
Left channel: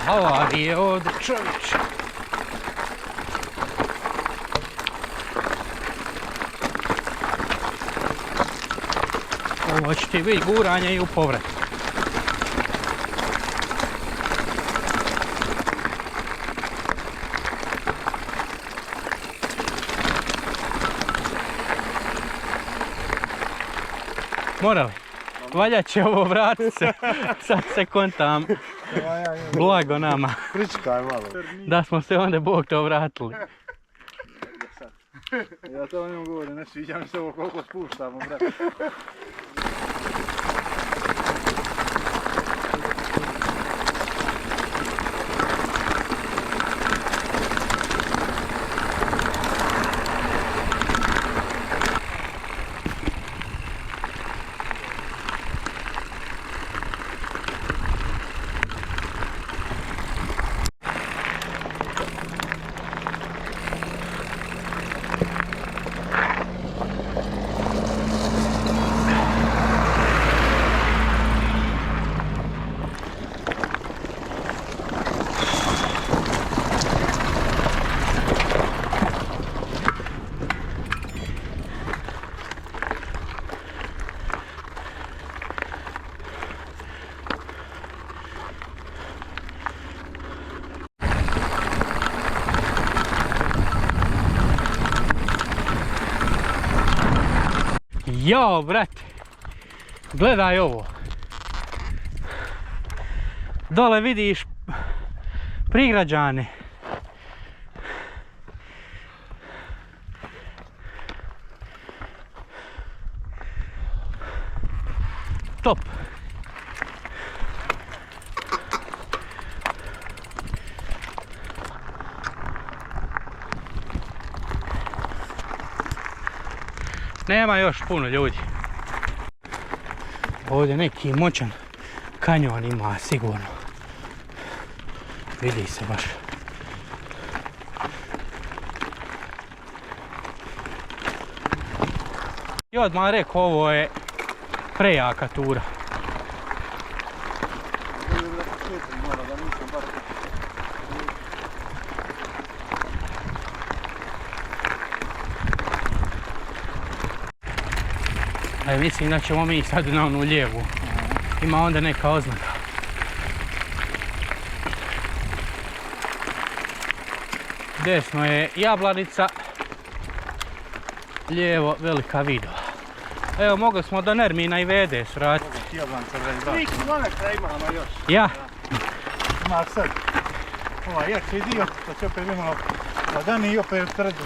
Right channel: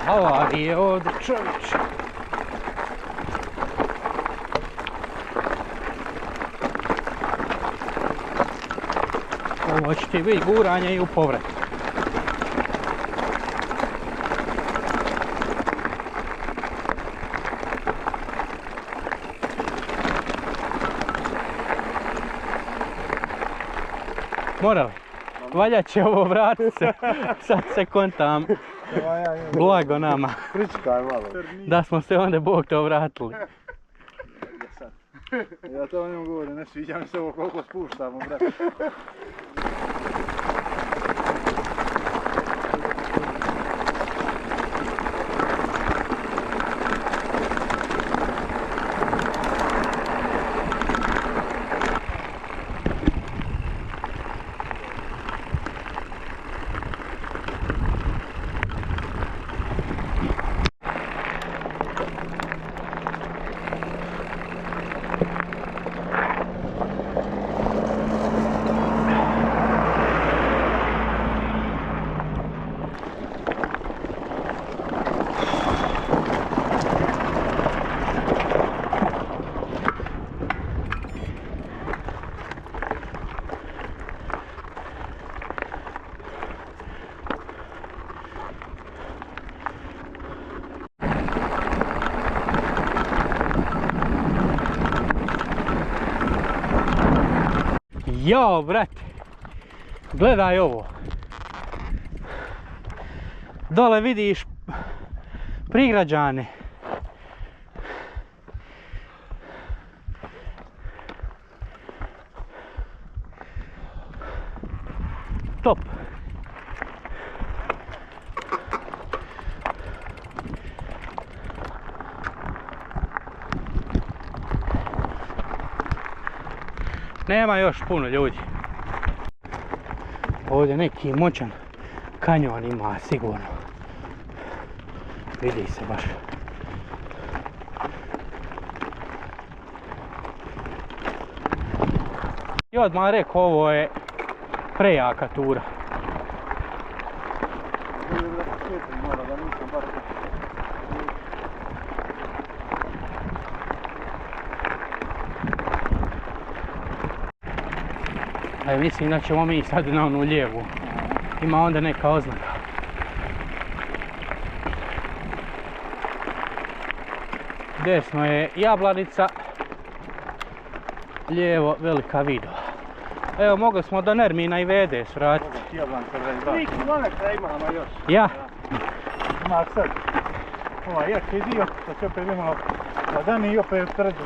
Havarije ovdje, čovječe. Ovo će ti biti guranje i u povrat. Morali. Valja će ovo vratit se, sad se kontam. Blago nama. Pričkaj malo. Da smo se onda Bog to vratili. Ja to o njemu govorim, ne sviđa mi se ovo koliko spuštamo, brate. Jao, brate. Gledaj ovo. Dole vidiš prigrađane. Top. Nema još puno ljudi. Ovdje neki moćan kanjon ima sigurno. Vidi se baš. I odmah rekao, ovo je prejaka tura. Mislim da ćemo mi sad na onu lijevu. Ima onda neka oznaka. Desno je Jablanica, lijevo Velika Vidova. Evo, mogli smo do Nermina i Vede svratiti. 3 kilometra imamo još. Ja? Ima sad ovaj jači dio, to će opet imamo ladani i opet trđu.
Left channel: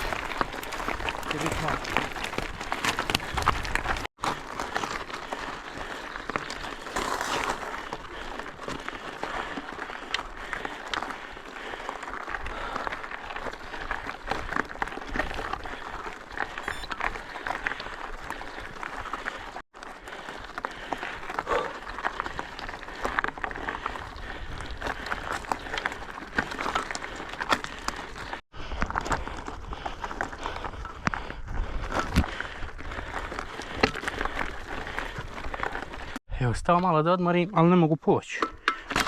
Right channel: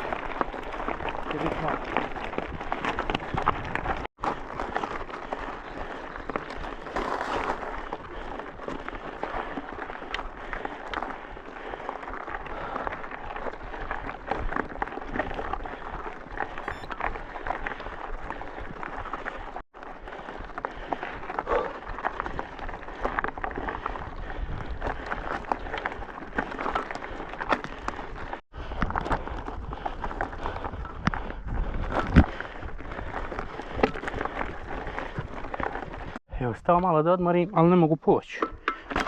Evo, stao malo da odmorim, ali ne mogu poći.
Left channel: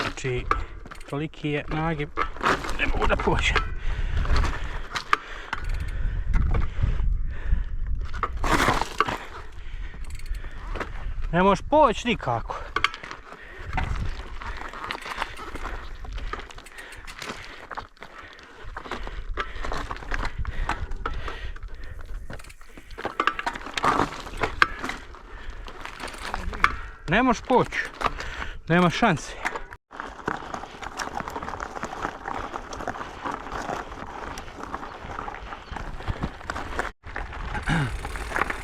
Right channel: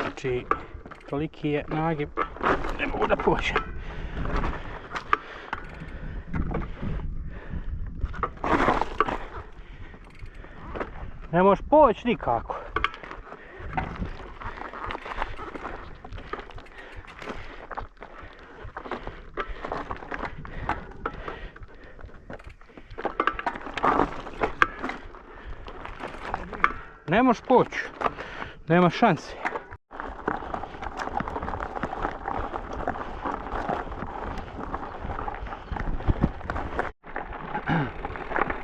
Znači, toliki je nagib, ne mogu da pođem. Ne možeš poći nikako. Ne možeš poći, nema šanse.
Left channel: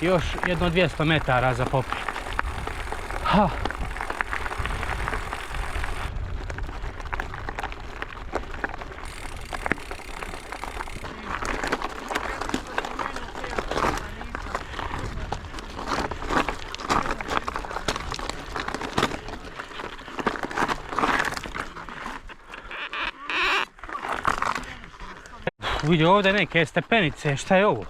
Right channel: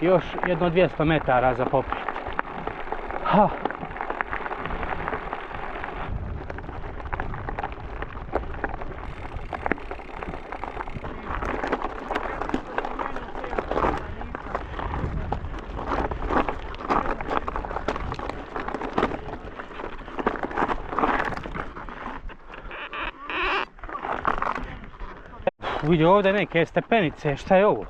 Još jedno 200 metara za popet. Ha. Vidi ovdje neke stepenice, šta je ovo?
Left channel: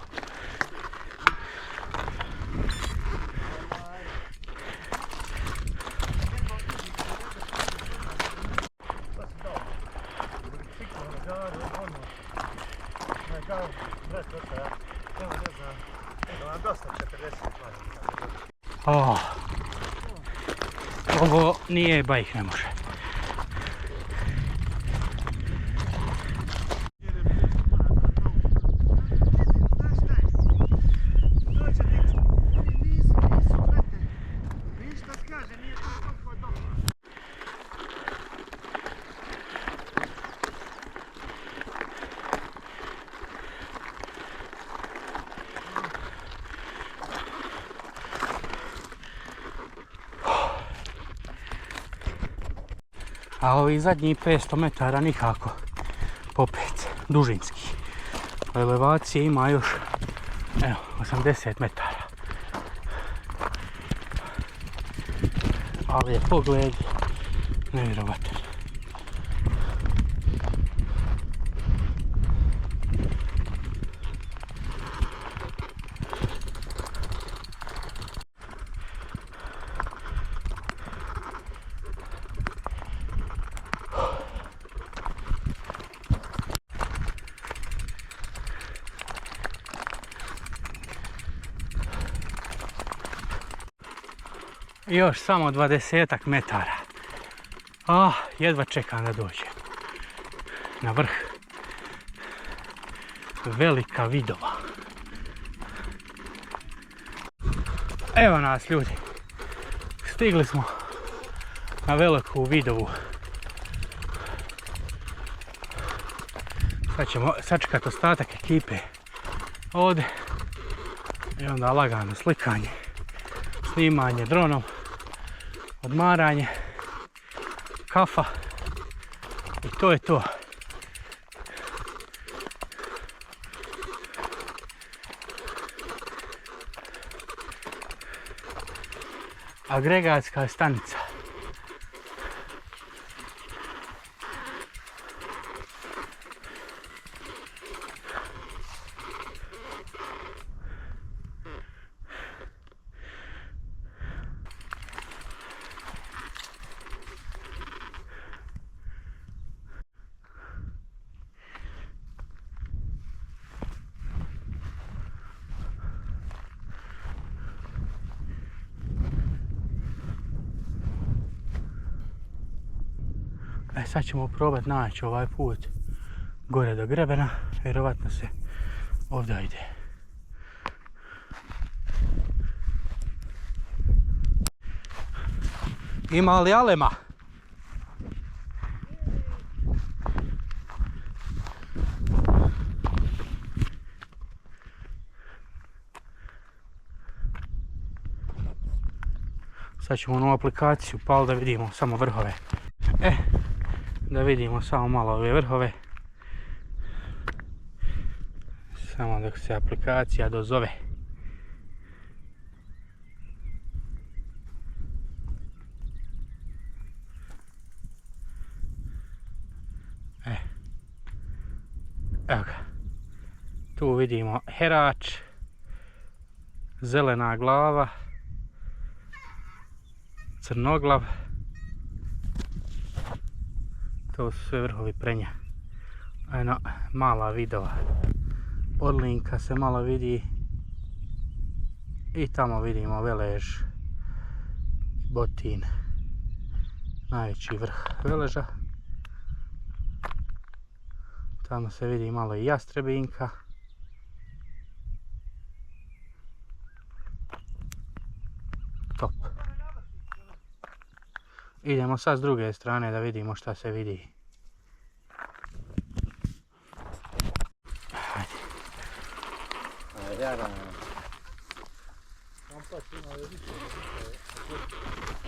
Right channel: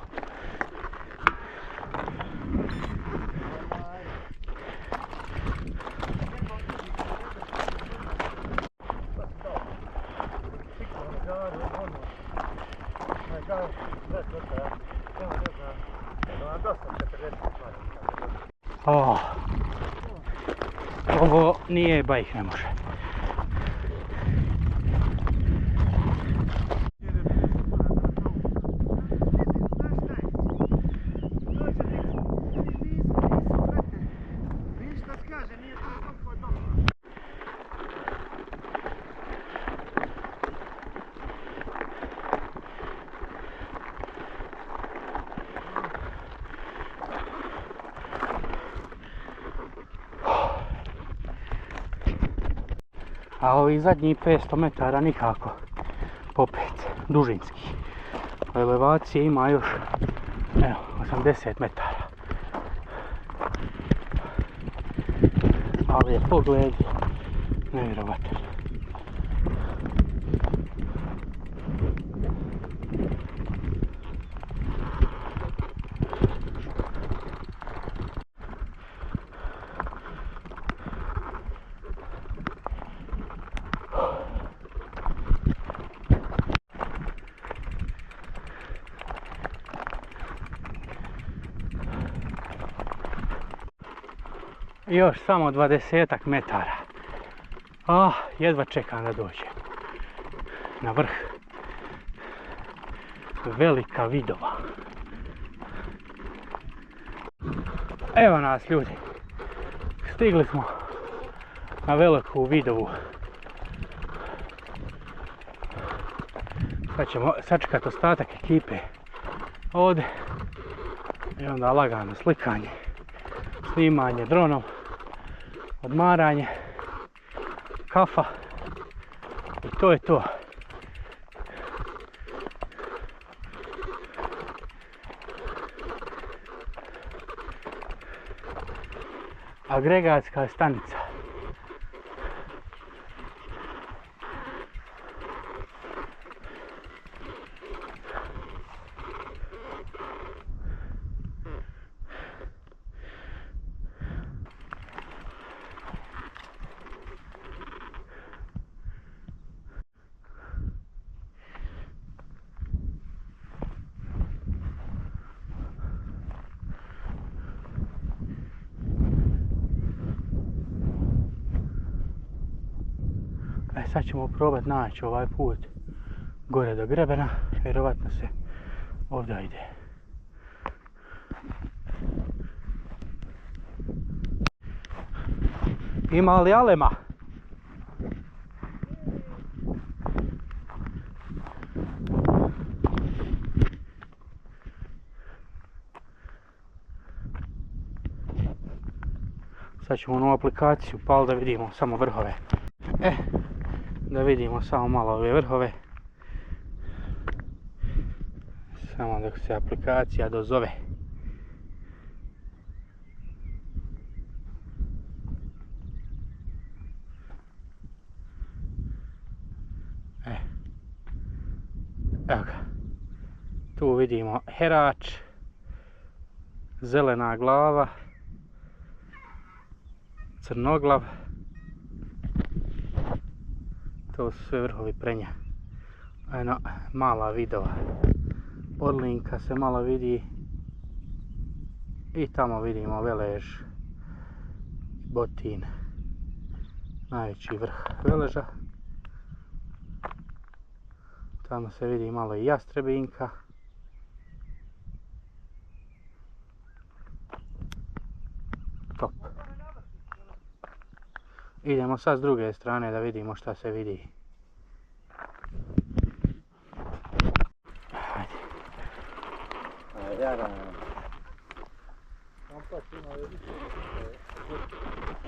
Oh. Ovo nije bajk, ne može. A ovi zadnji 500 metara nikako popet, dužinski. Elevacije ima još, evo, 80 metara. Ali je pogled nevjerovatan. Još samo 20 metara. Jedva čekam da dođem na vrh Velika Vidova. Evo nas ljudi. Stigli smo na Veliku Vidovu. Sad ćemo sačekati ostatak ekipe ovdje. I onda lagano slikanje, snimanje dronom, odmaranje, kafa i to je to. Agregatska stanica. Sad ćemo probati naći ovaj put gore do grebena, vjerovatno se ovdje ide. Ima li alema? Sad ćemo u novu aplikaciju pal da vidimo samo vrhove. Da vidimo samo malo ove vrhove. Samo dok se aplikacija dozove. Evo ga. Tu vidimo Herač, Zelena glava, Crnoglav. To su sve vrhovi Prenja. Eno, mala Vidova. Orlinka se malo vidi. I tamo vidimo Velež, Botin. Najveći vrh Veleža. Tamo se vidi malo i Jastrebinka. Top. Idemo sad s druge strane da vidimo šta se vidi.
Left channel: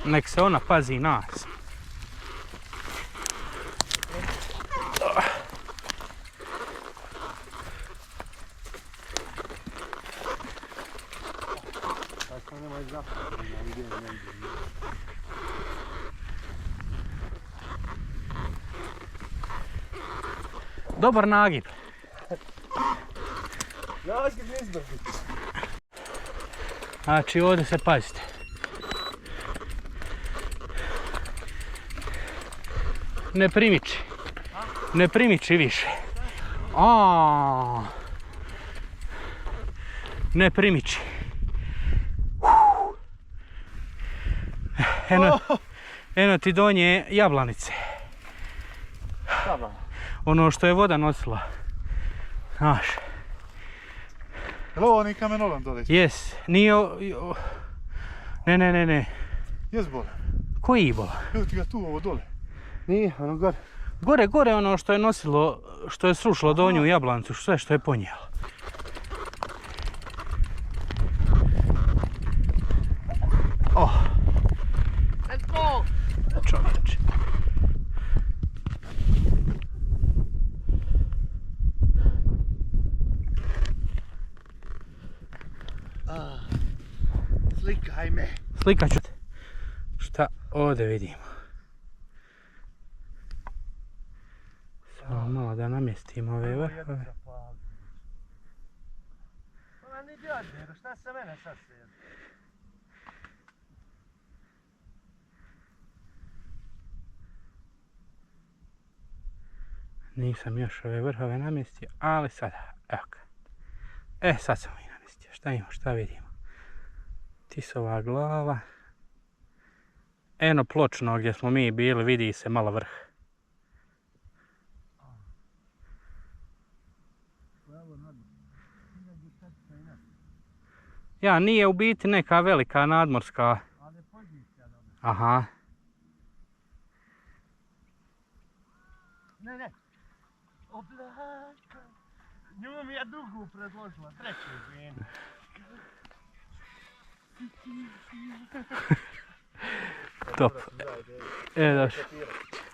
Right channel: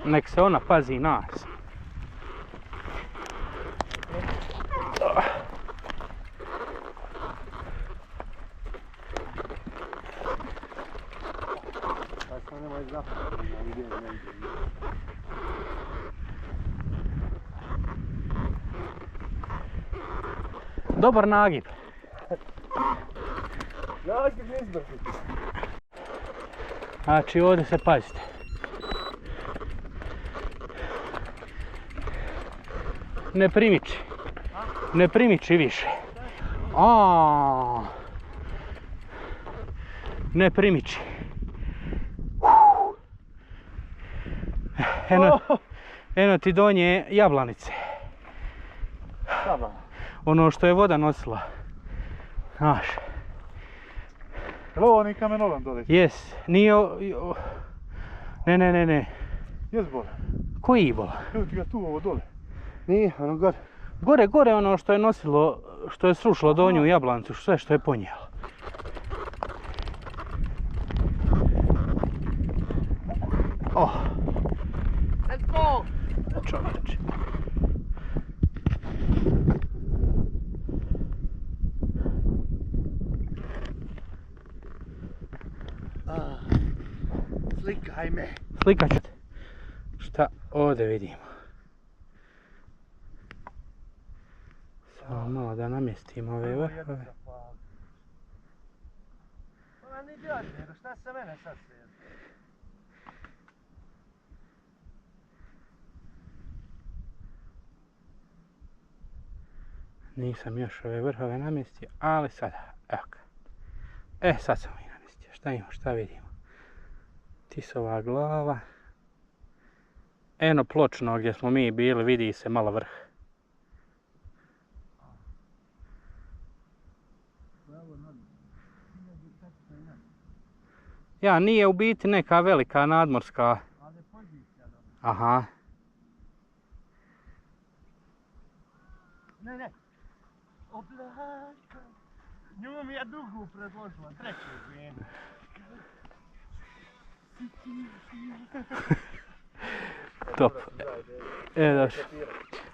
Nek se ona pazi nas. Dobar nagib. Znači ovdje se pazite. Ne primiči. Ne primiči više. Ne primiči. Eno ti donje jablanice. Ono što je voda nosila. Znaš. Je li ovo oni kamenolom dole? Jes. Nije... Ne. Jes bola? Koji bola? Evo ti ga tu ovo dole. Nije, ono gore. Gore ono što je nosilo, što je srušilo donju jablanicu, sve što je ponijelo. Let's go! Čovječe. Slikaj me. Slikat ću te. Šta ovdje vidimo? Samo malo da namjestimo ove vrhove. Ona ni djade, nego šta se mene sad slijedi? Nisam još ove vrhove namjestio, ali sada, evo ga. Sad sam ih namjestio. Šta imamo, šta vidimo? Tisova glava. Eno pločno gdje smo mi bili, vidi se malo vrh. Ja, nije u biti neka velika nadmorska. Ali je pozicija dobra. Aha. Ne. Oblaka. Nju mi je drugu predložila, treću izvijenu. Top. Da,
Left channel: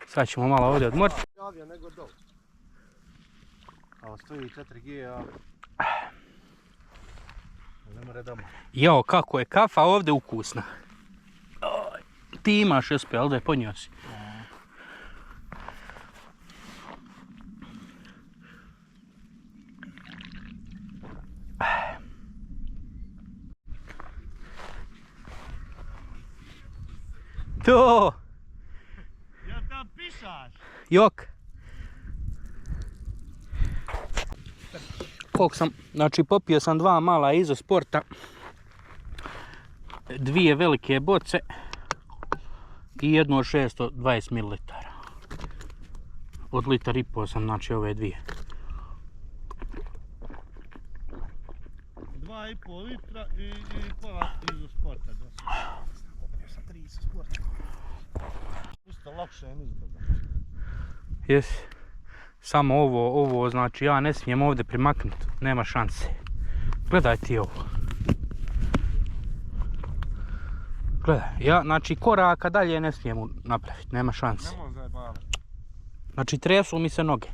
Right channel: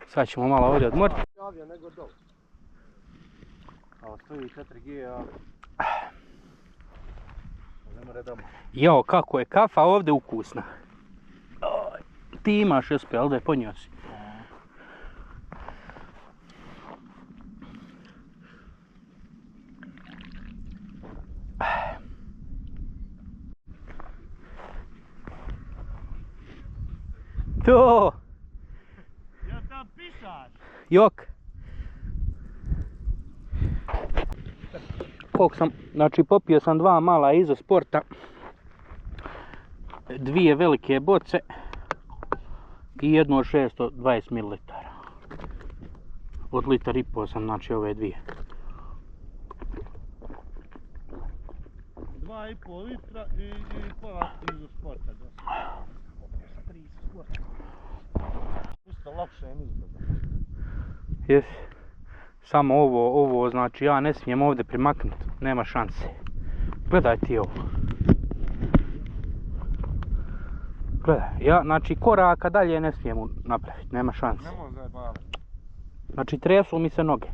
sad ćemo malo ovdje odmoriti. Javio nego dol. Ovo stoji 4G, ali... Ne more doma. Jo, kako je kafa ovdje ukusna. Ti imaš SP, ali da je ponio si. To! Ja tam pišaš? Jok! Koliko sam, znači popio sam 2 mala izosporta, 2 velike boce i jednu od 620 ml. Od 1,5 litara sam, znači ove 2. 2,5 litra i pola izosporta. Popio sam 3 izosporta. Isto lakše je izgleda. Jes. Samo ovo, znači ja ne smijem ovdje primaknuti, nema šanse. Gledaj ti ovo. Gledaj, ja, znači koraka dalje ne smijem napraviti, nema šanse. Nemoj zajebavati. Znači tresu mi se noge.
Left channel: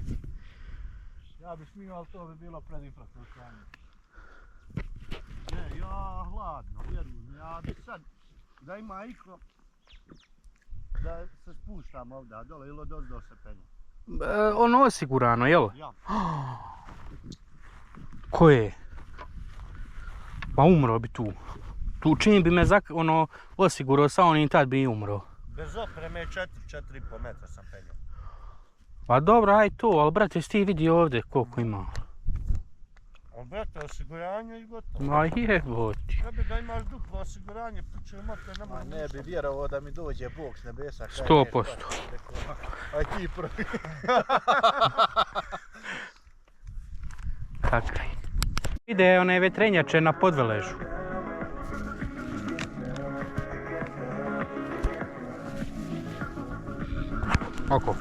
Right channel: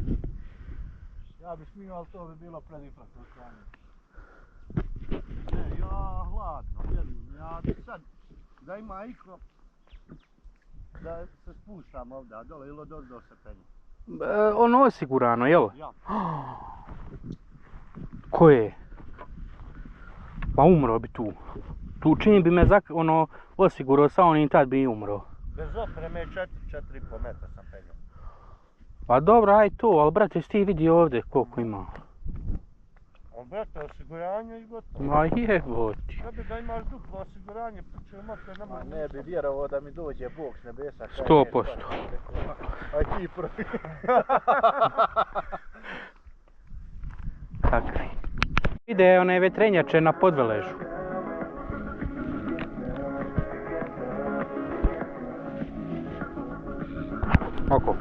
Ja bi smio, ali to bi bilo pred infrastrukturanje. Ne, ja hladno, vjerujem, ja bi sad, da ima iko, da se spuštam ovdje, a dole ili do se penje. Ono osigurano, jel? Ja. Ko je? Pa umro bi tu. Tu čim bi me osigurao sa onim, tad bi i umro. Bez opreme 4,5 metra sam penjao. Pa dobro, aj to, ali brate, jesi ti vidio ovdje koliko ima? On brate, osiguranje i gotovo. Ma jeboti. Ja bi da imaš duplo osiguranje, puče motor, nema Ne bi vjerovao da mi dođe Bog s nebesa. 100%. Aj ti prvi. Kakvi. Ide one vetrenjače na podveležu. Oko.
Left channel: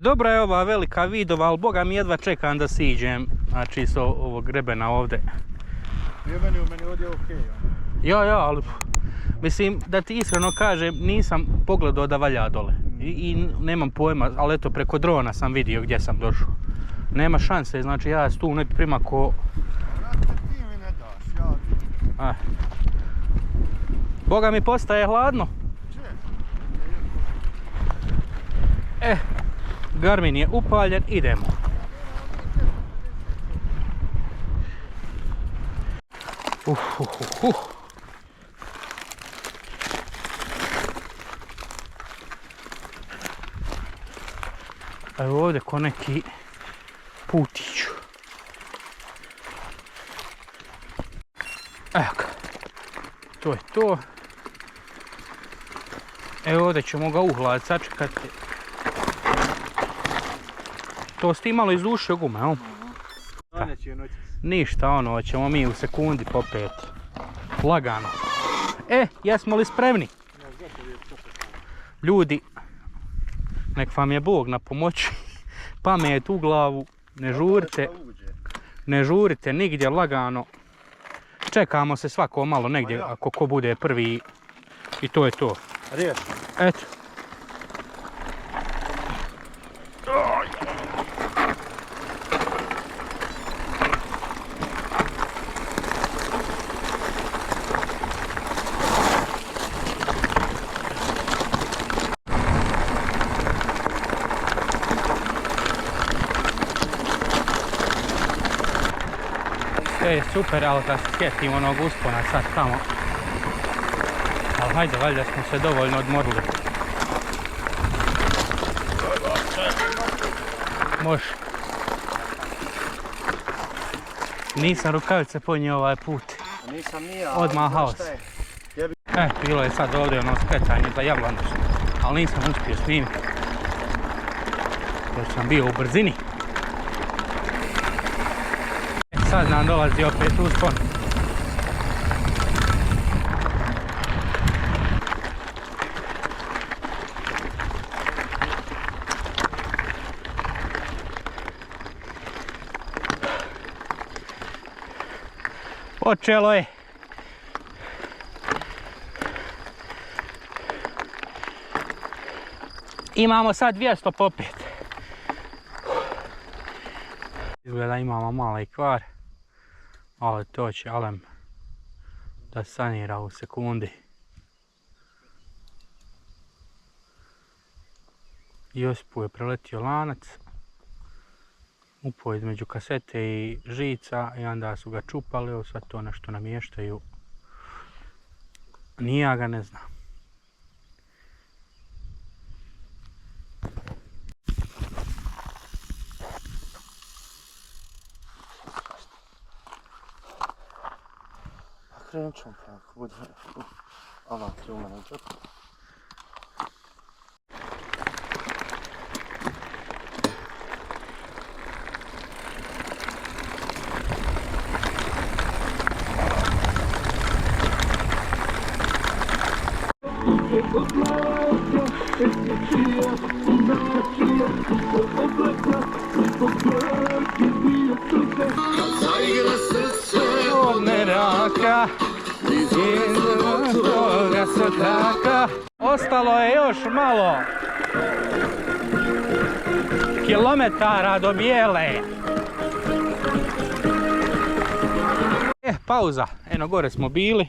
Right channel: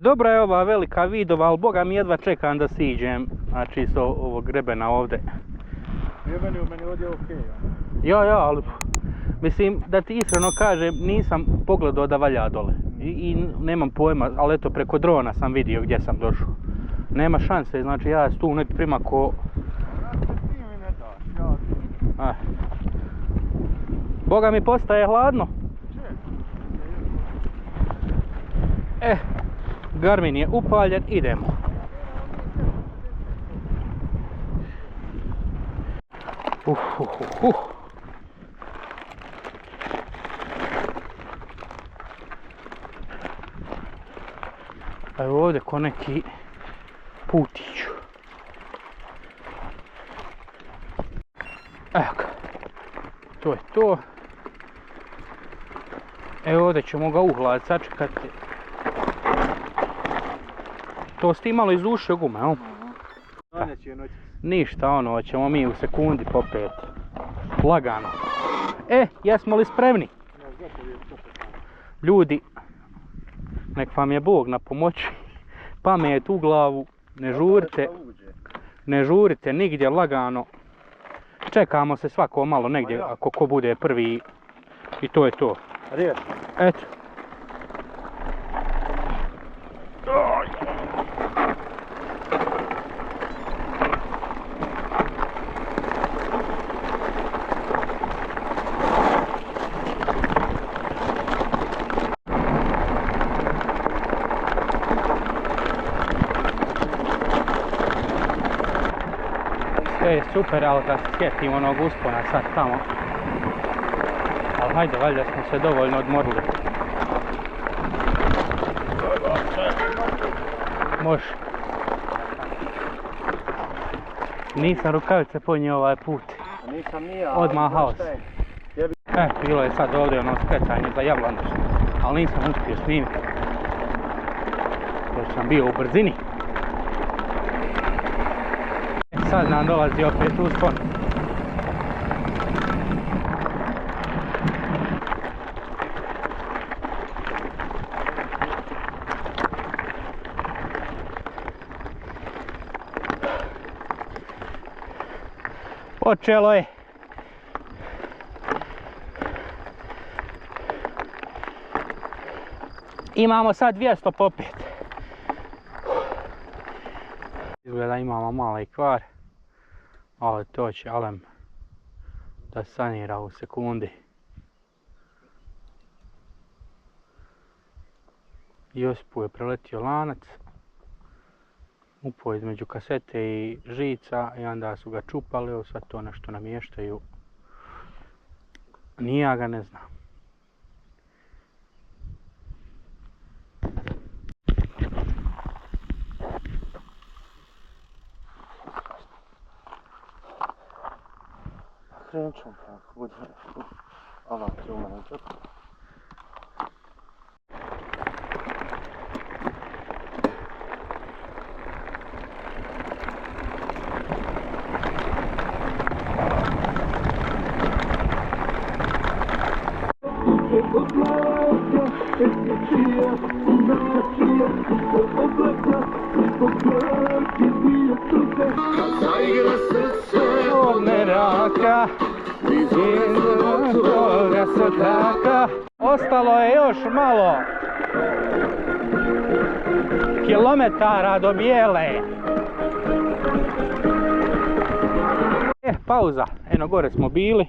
Dobra je ova velika vidova, ali boga mi jedva čekam da siđem, znači s ovog grebena ovdje. Meni ovdje je okej. Ja, ali mislim da ti iskreno kažem, nisam pogledao da valja dole. I nemam pojma, ali eto preko drona sam vidio gdje sam došao. Nema šanse, znači ja tu ne primako... Ti mi ne daš, ja... Boga mi postaje hladno. Garmin je upaljen, idemo. Evo ovdje ko neki putić. Evo ga. To je to. Evo ovdje ćemo ga uhlad sačekati. To ste imalo iz uše gume, o? Ništa, ono, ćemo mi u sekundi popet. Lagano. Jesmo li spremni? Ljudi, nek vam je Bog na pomoći. Pamet u glavu, ne žurite nigdje, lagano. Čekamo se svako malo negdje, ako ko bude prvi. I to je to. Riješno. Eto. Super, ali kad se sjetim onog uspona sad tamo. Ali hajde, valjda smo se dovoljno odmorili. Može. Nisam rukavice ponio ovaj put. Nisam ni ja. Odmah haos. Bilo je sad ovdje ono skretanje za Javlandu, ali nisam uspio snimiti. Jer sam bio u brzini. Sad nam dolazi opet uspon. Počelo je. Imamo sad 200 popet. Izgleda imamo mali kvar. Ali to će Alem da sanira u sekundi. Josipu je preletio lanac. Upao između kasete i žica i onda su ga čupali, sad to nešto namještaju. Ni ja ga ne znam. Krenut ćemo kako bude. Alatri u mene džep. Od meraka, iz toga srtaka. Ostalo je još malo kilometara do Bijele. Pauza. Eno gore smo bili.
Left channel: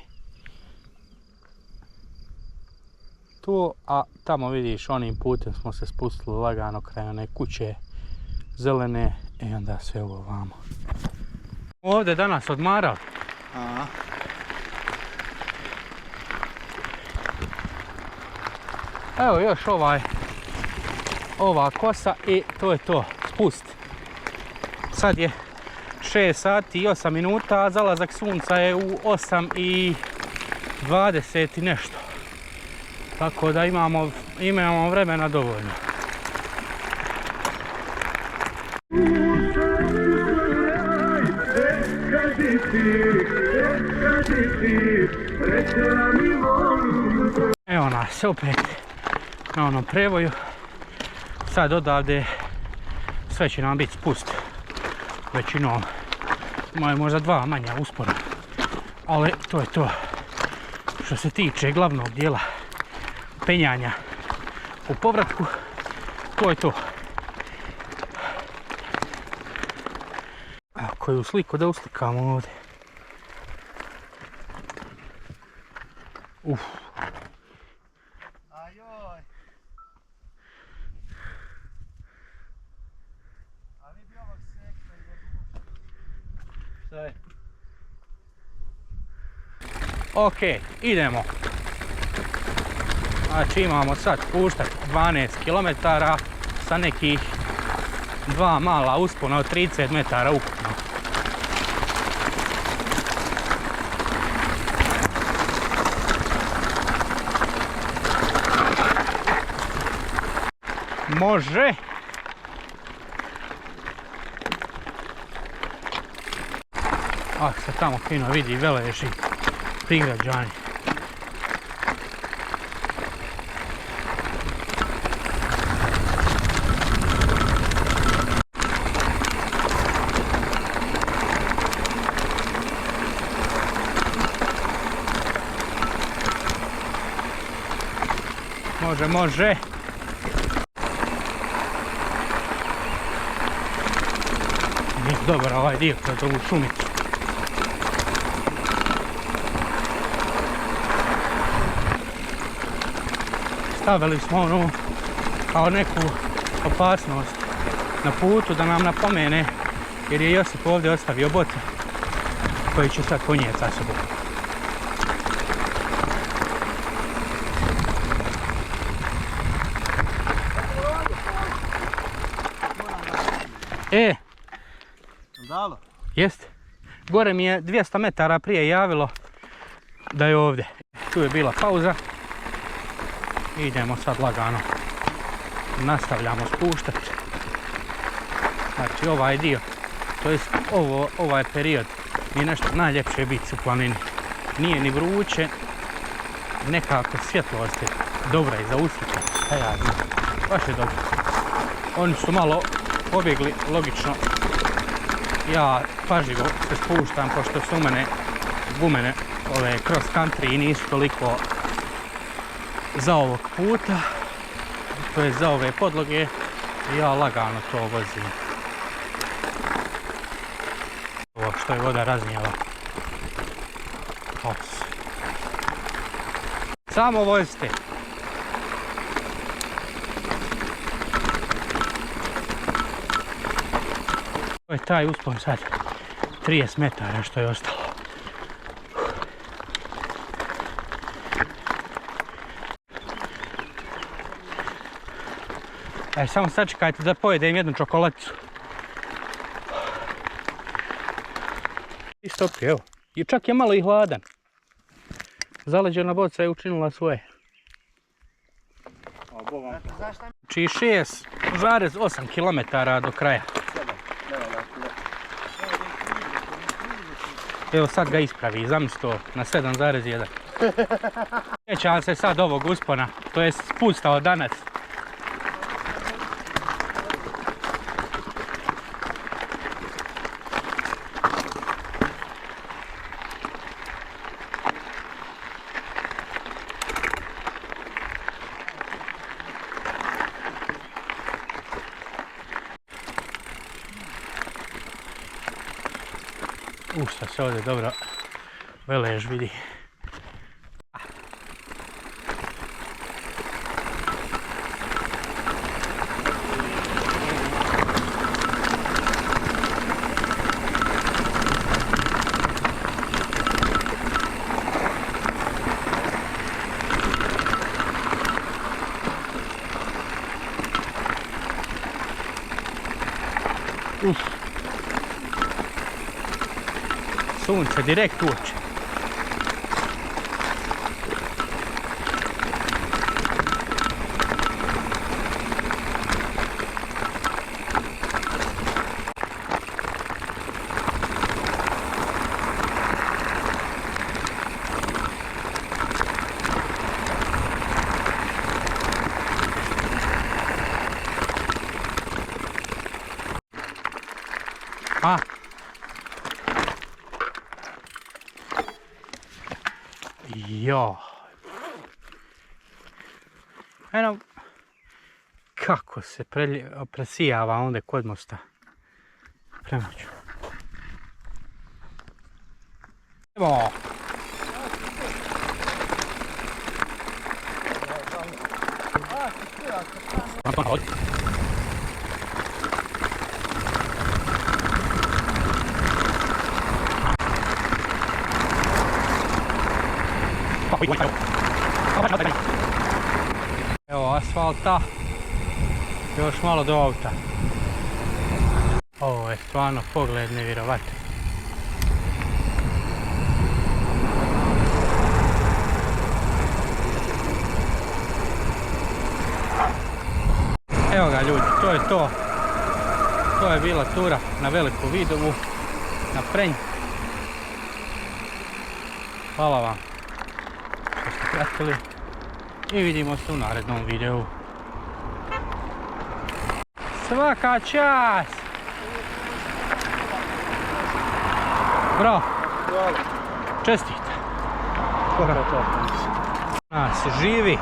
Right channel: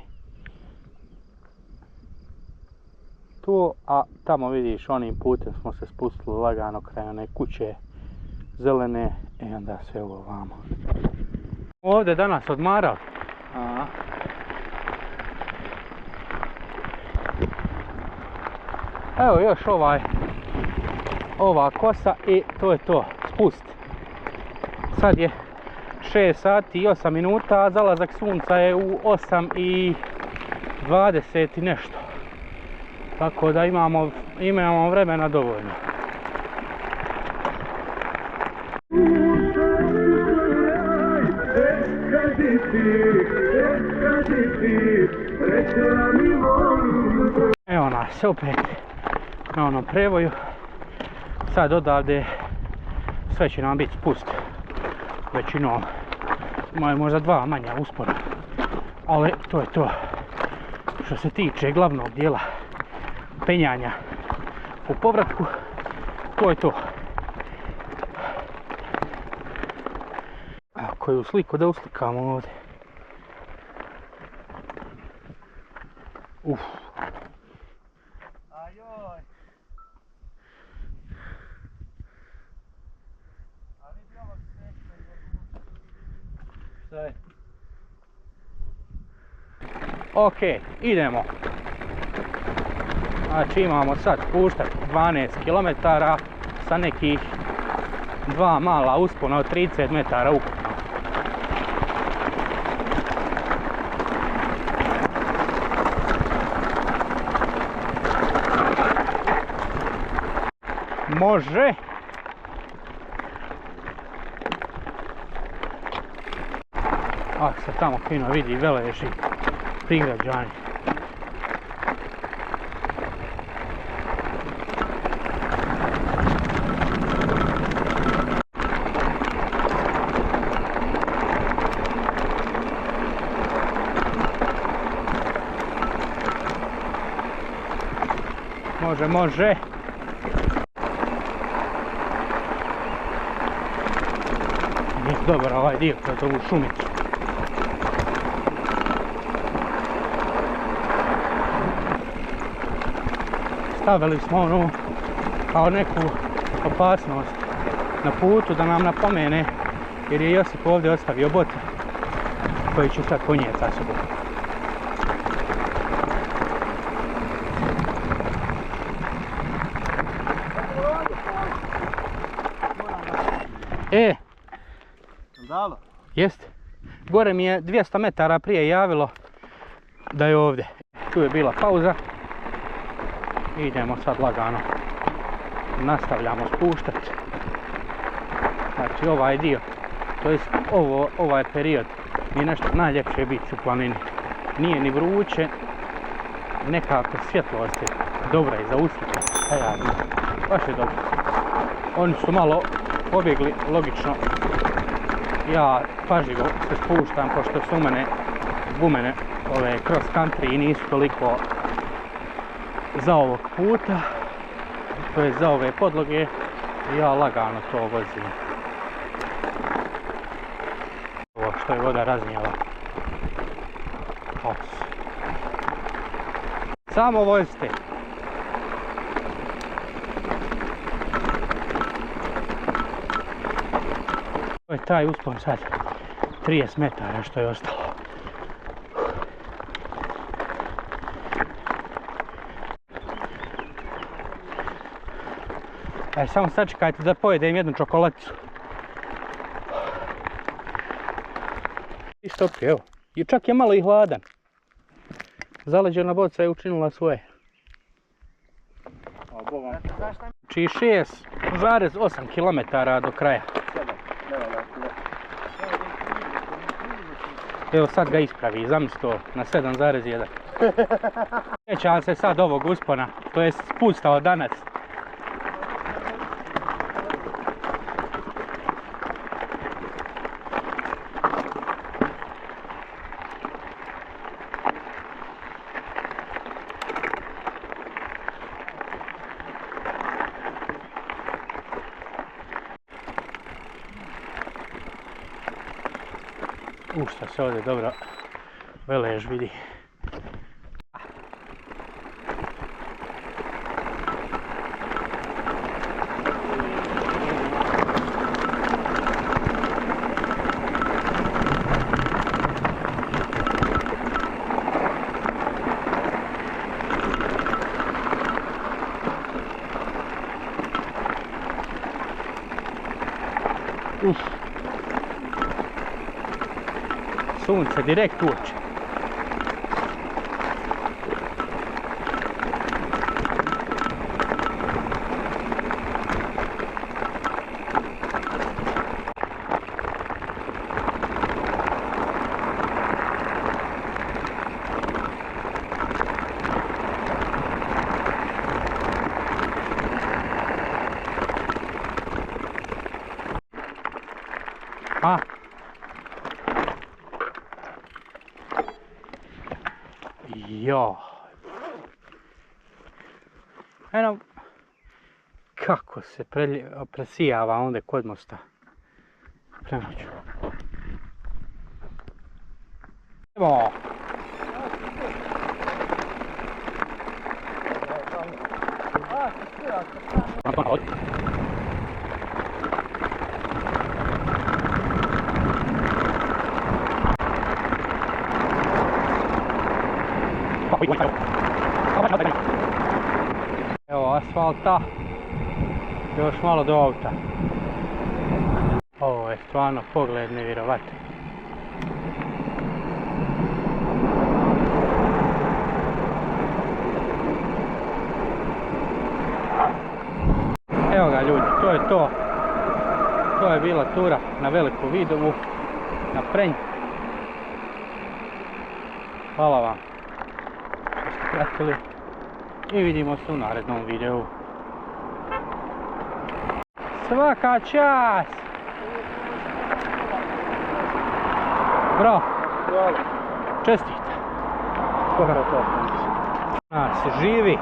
Tu, a tamo vidiš onim putem smo se spustili lagano kraj one kuće zelene i onda sve ovo vamo. Ovdje danas odmarali. Aha. Evo još ova kosa i to je to, spust. Sad je 6 sati i 8 minuta, a zalazak sunca je u 8 i 20 i nešto. Tako da imamo vremena dovoljno. Evo nas opet na onom prevoju. sad odavde sve će nam biti spust. Većinom imaju možda 2 manja uspona. Ali to je to. Što se tiče glavnog dijela penjanja u povratku, to je to. Koju sliku da uslikamo ovdje. Ajoj. A vidi ovog sekta i Šta je? Ok, idemo. Znači imamo sad puštat 12 km sa nekih 2 mala uspona od 30 metara ukupno. Može! Ah, se tamo fino vidi Velež i prigrađani. Može, može! Nije dobar ovaj dio kroz ovu šumicu. Stavili smo onu kao neku opasnost na putu da nam napomene, jer je Josip ovdje ostavio boce koji će sad ponijeti sa sobom. Dalo? Jest. Gore mi je 200 metara prije javilo da je ovdje. Tu je bila pauza. Idemo sad lagano. Nastavljamo spuštati. Znači ovaj dio, to jest ovaj period mi je nešto najljepše biti u planini. Nije ni vruće, nekako svjetlost je dobra i za uslike. Ja znam, baš je dobro. Oni su malo pobjegli, logično. Ja pažljivo se spuštam pošto su u mene gumene ove cross country i nisu toliko za ovog puta, to je za ove podloge, i ja lagano to vozim. Ovo što je voda raznijela. Os. Samo vozite. To je taj uspon sad, 30 metara što je ostalo. Samo sačekajte da pojedem jednu čokoladicu. Isto, evo. I čak je malo i hladan. Zaleđena boca je učinila svoje. Znači 6,8 km do kraja. Evo sad ga ispravi, zamisli to, na 7,1. Sjećam se sad ovog uspona, to je spustao danas. Šta se ovdje dobro Velež vidi. Sunce direkt u oči. A? Jo. Eno, kako se presijava onda kod mosta. Premoću. Evo. Evo asfalta, još malo do auta. Ovo je stvarno pogled nevjerovatan. Evo ga ljudi, to je to. To je bila tura na Veliku Vidovu, na Prenj. Hvala vam što ste pratili i vidimo se u narednom videu. Svaka čast! Bravo! Čestite! Nas živi!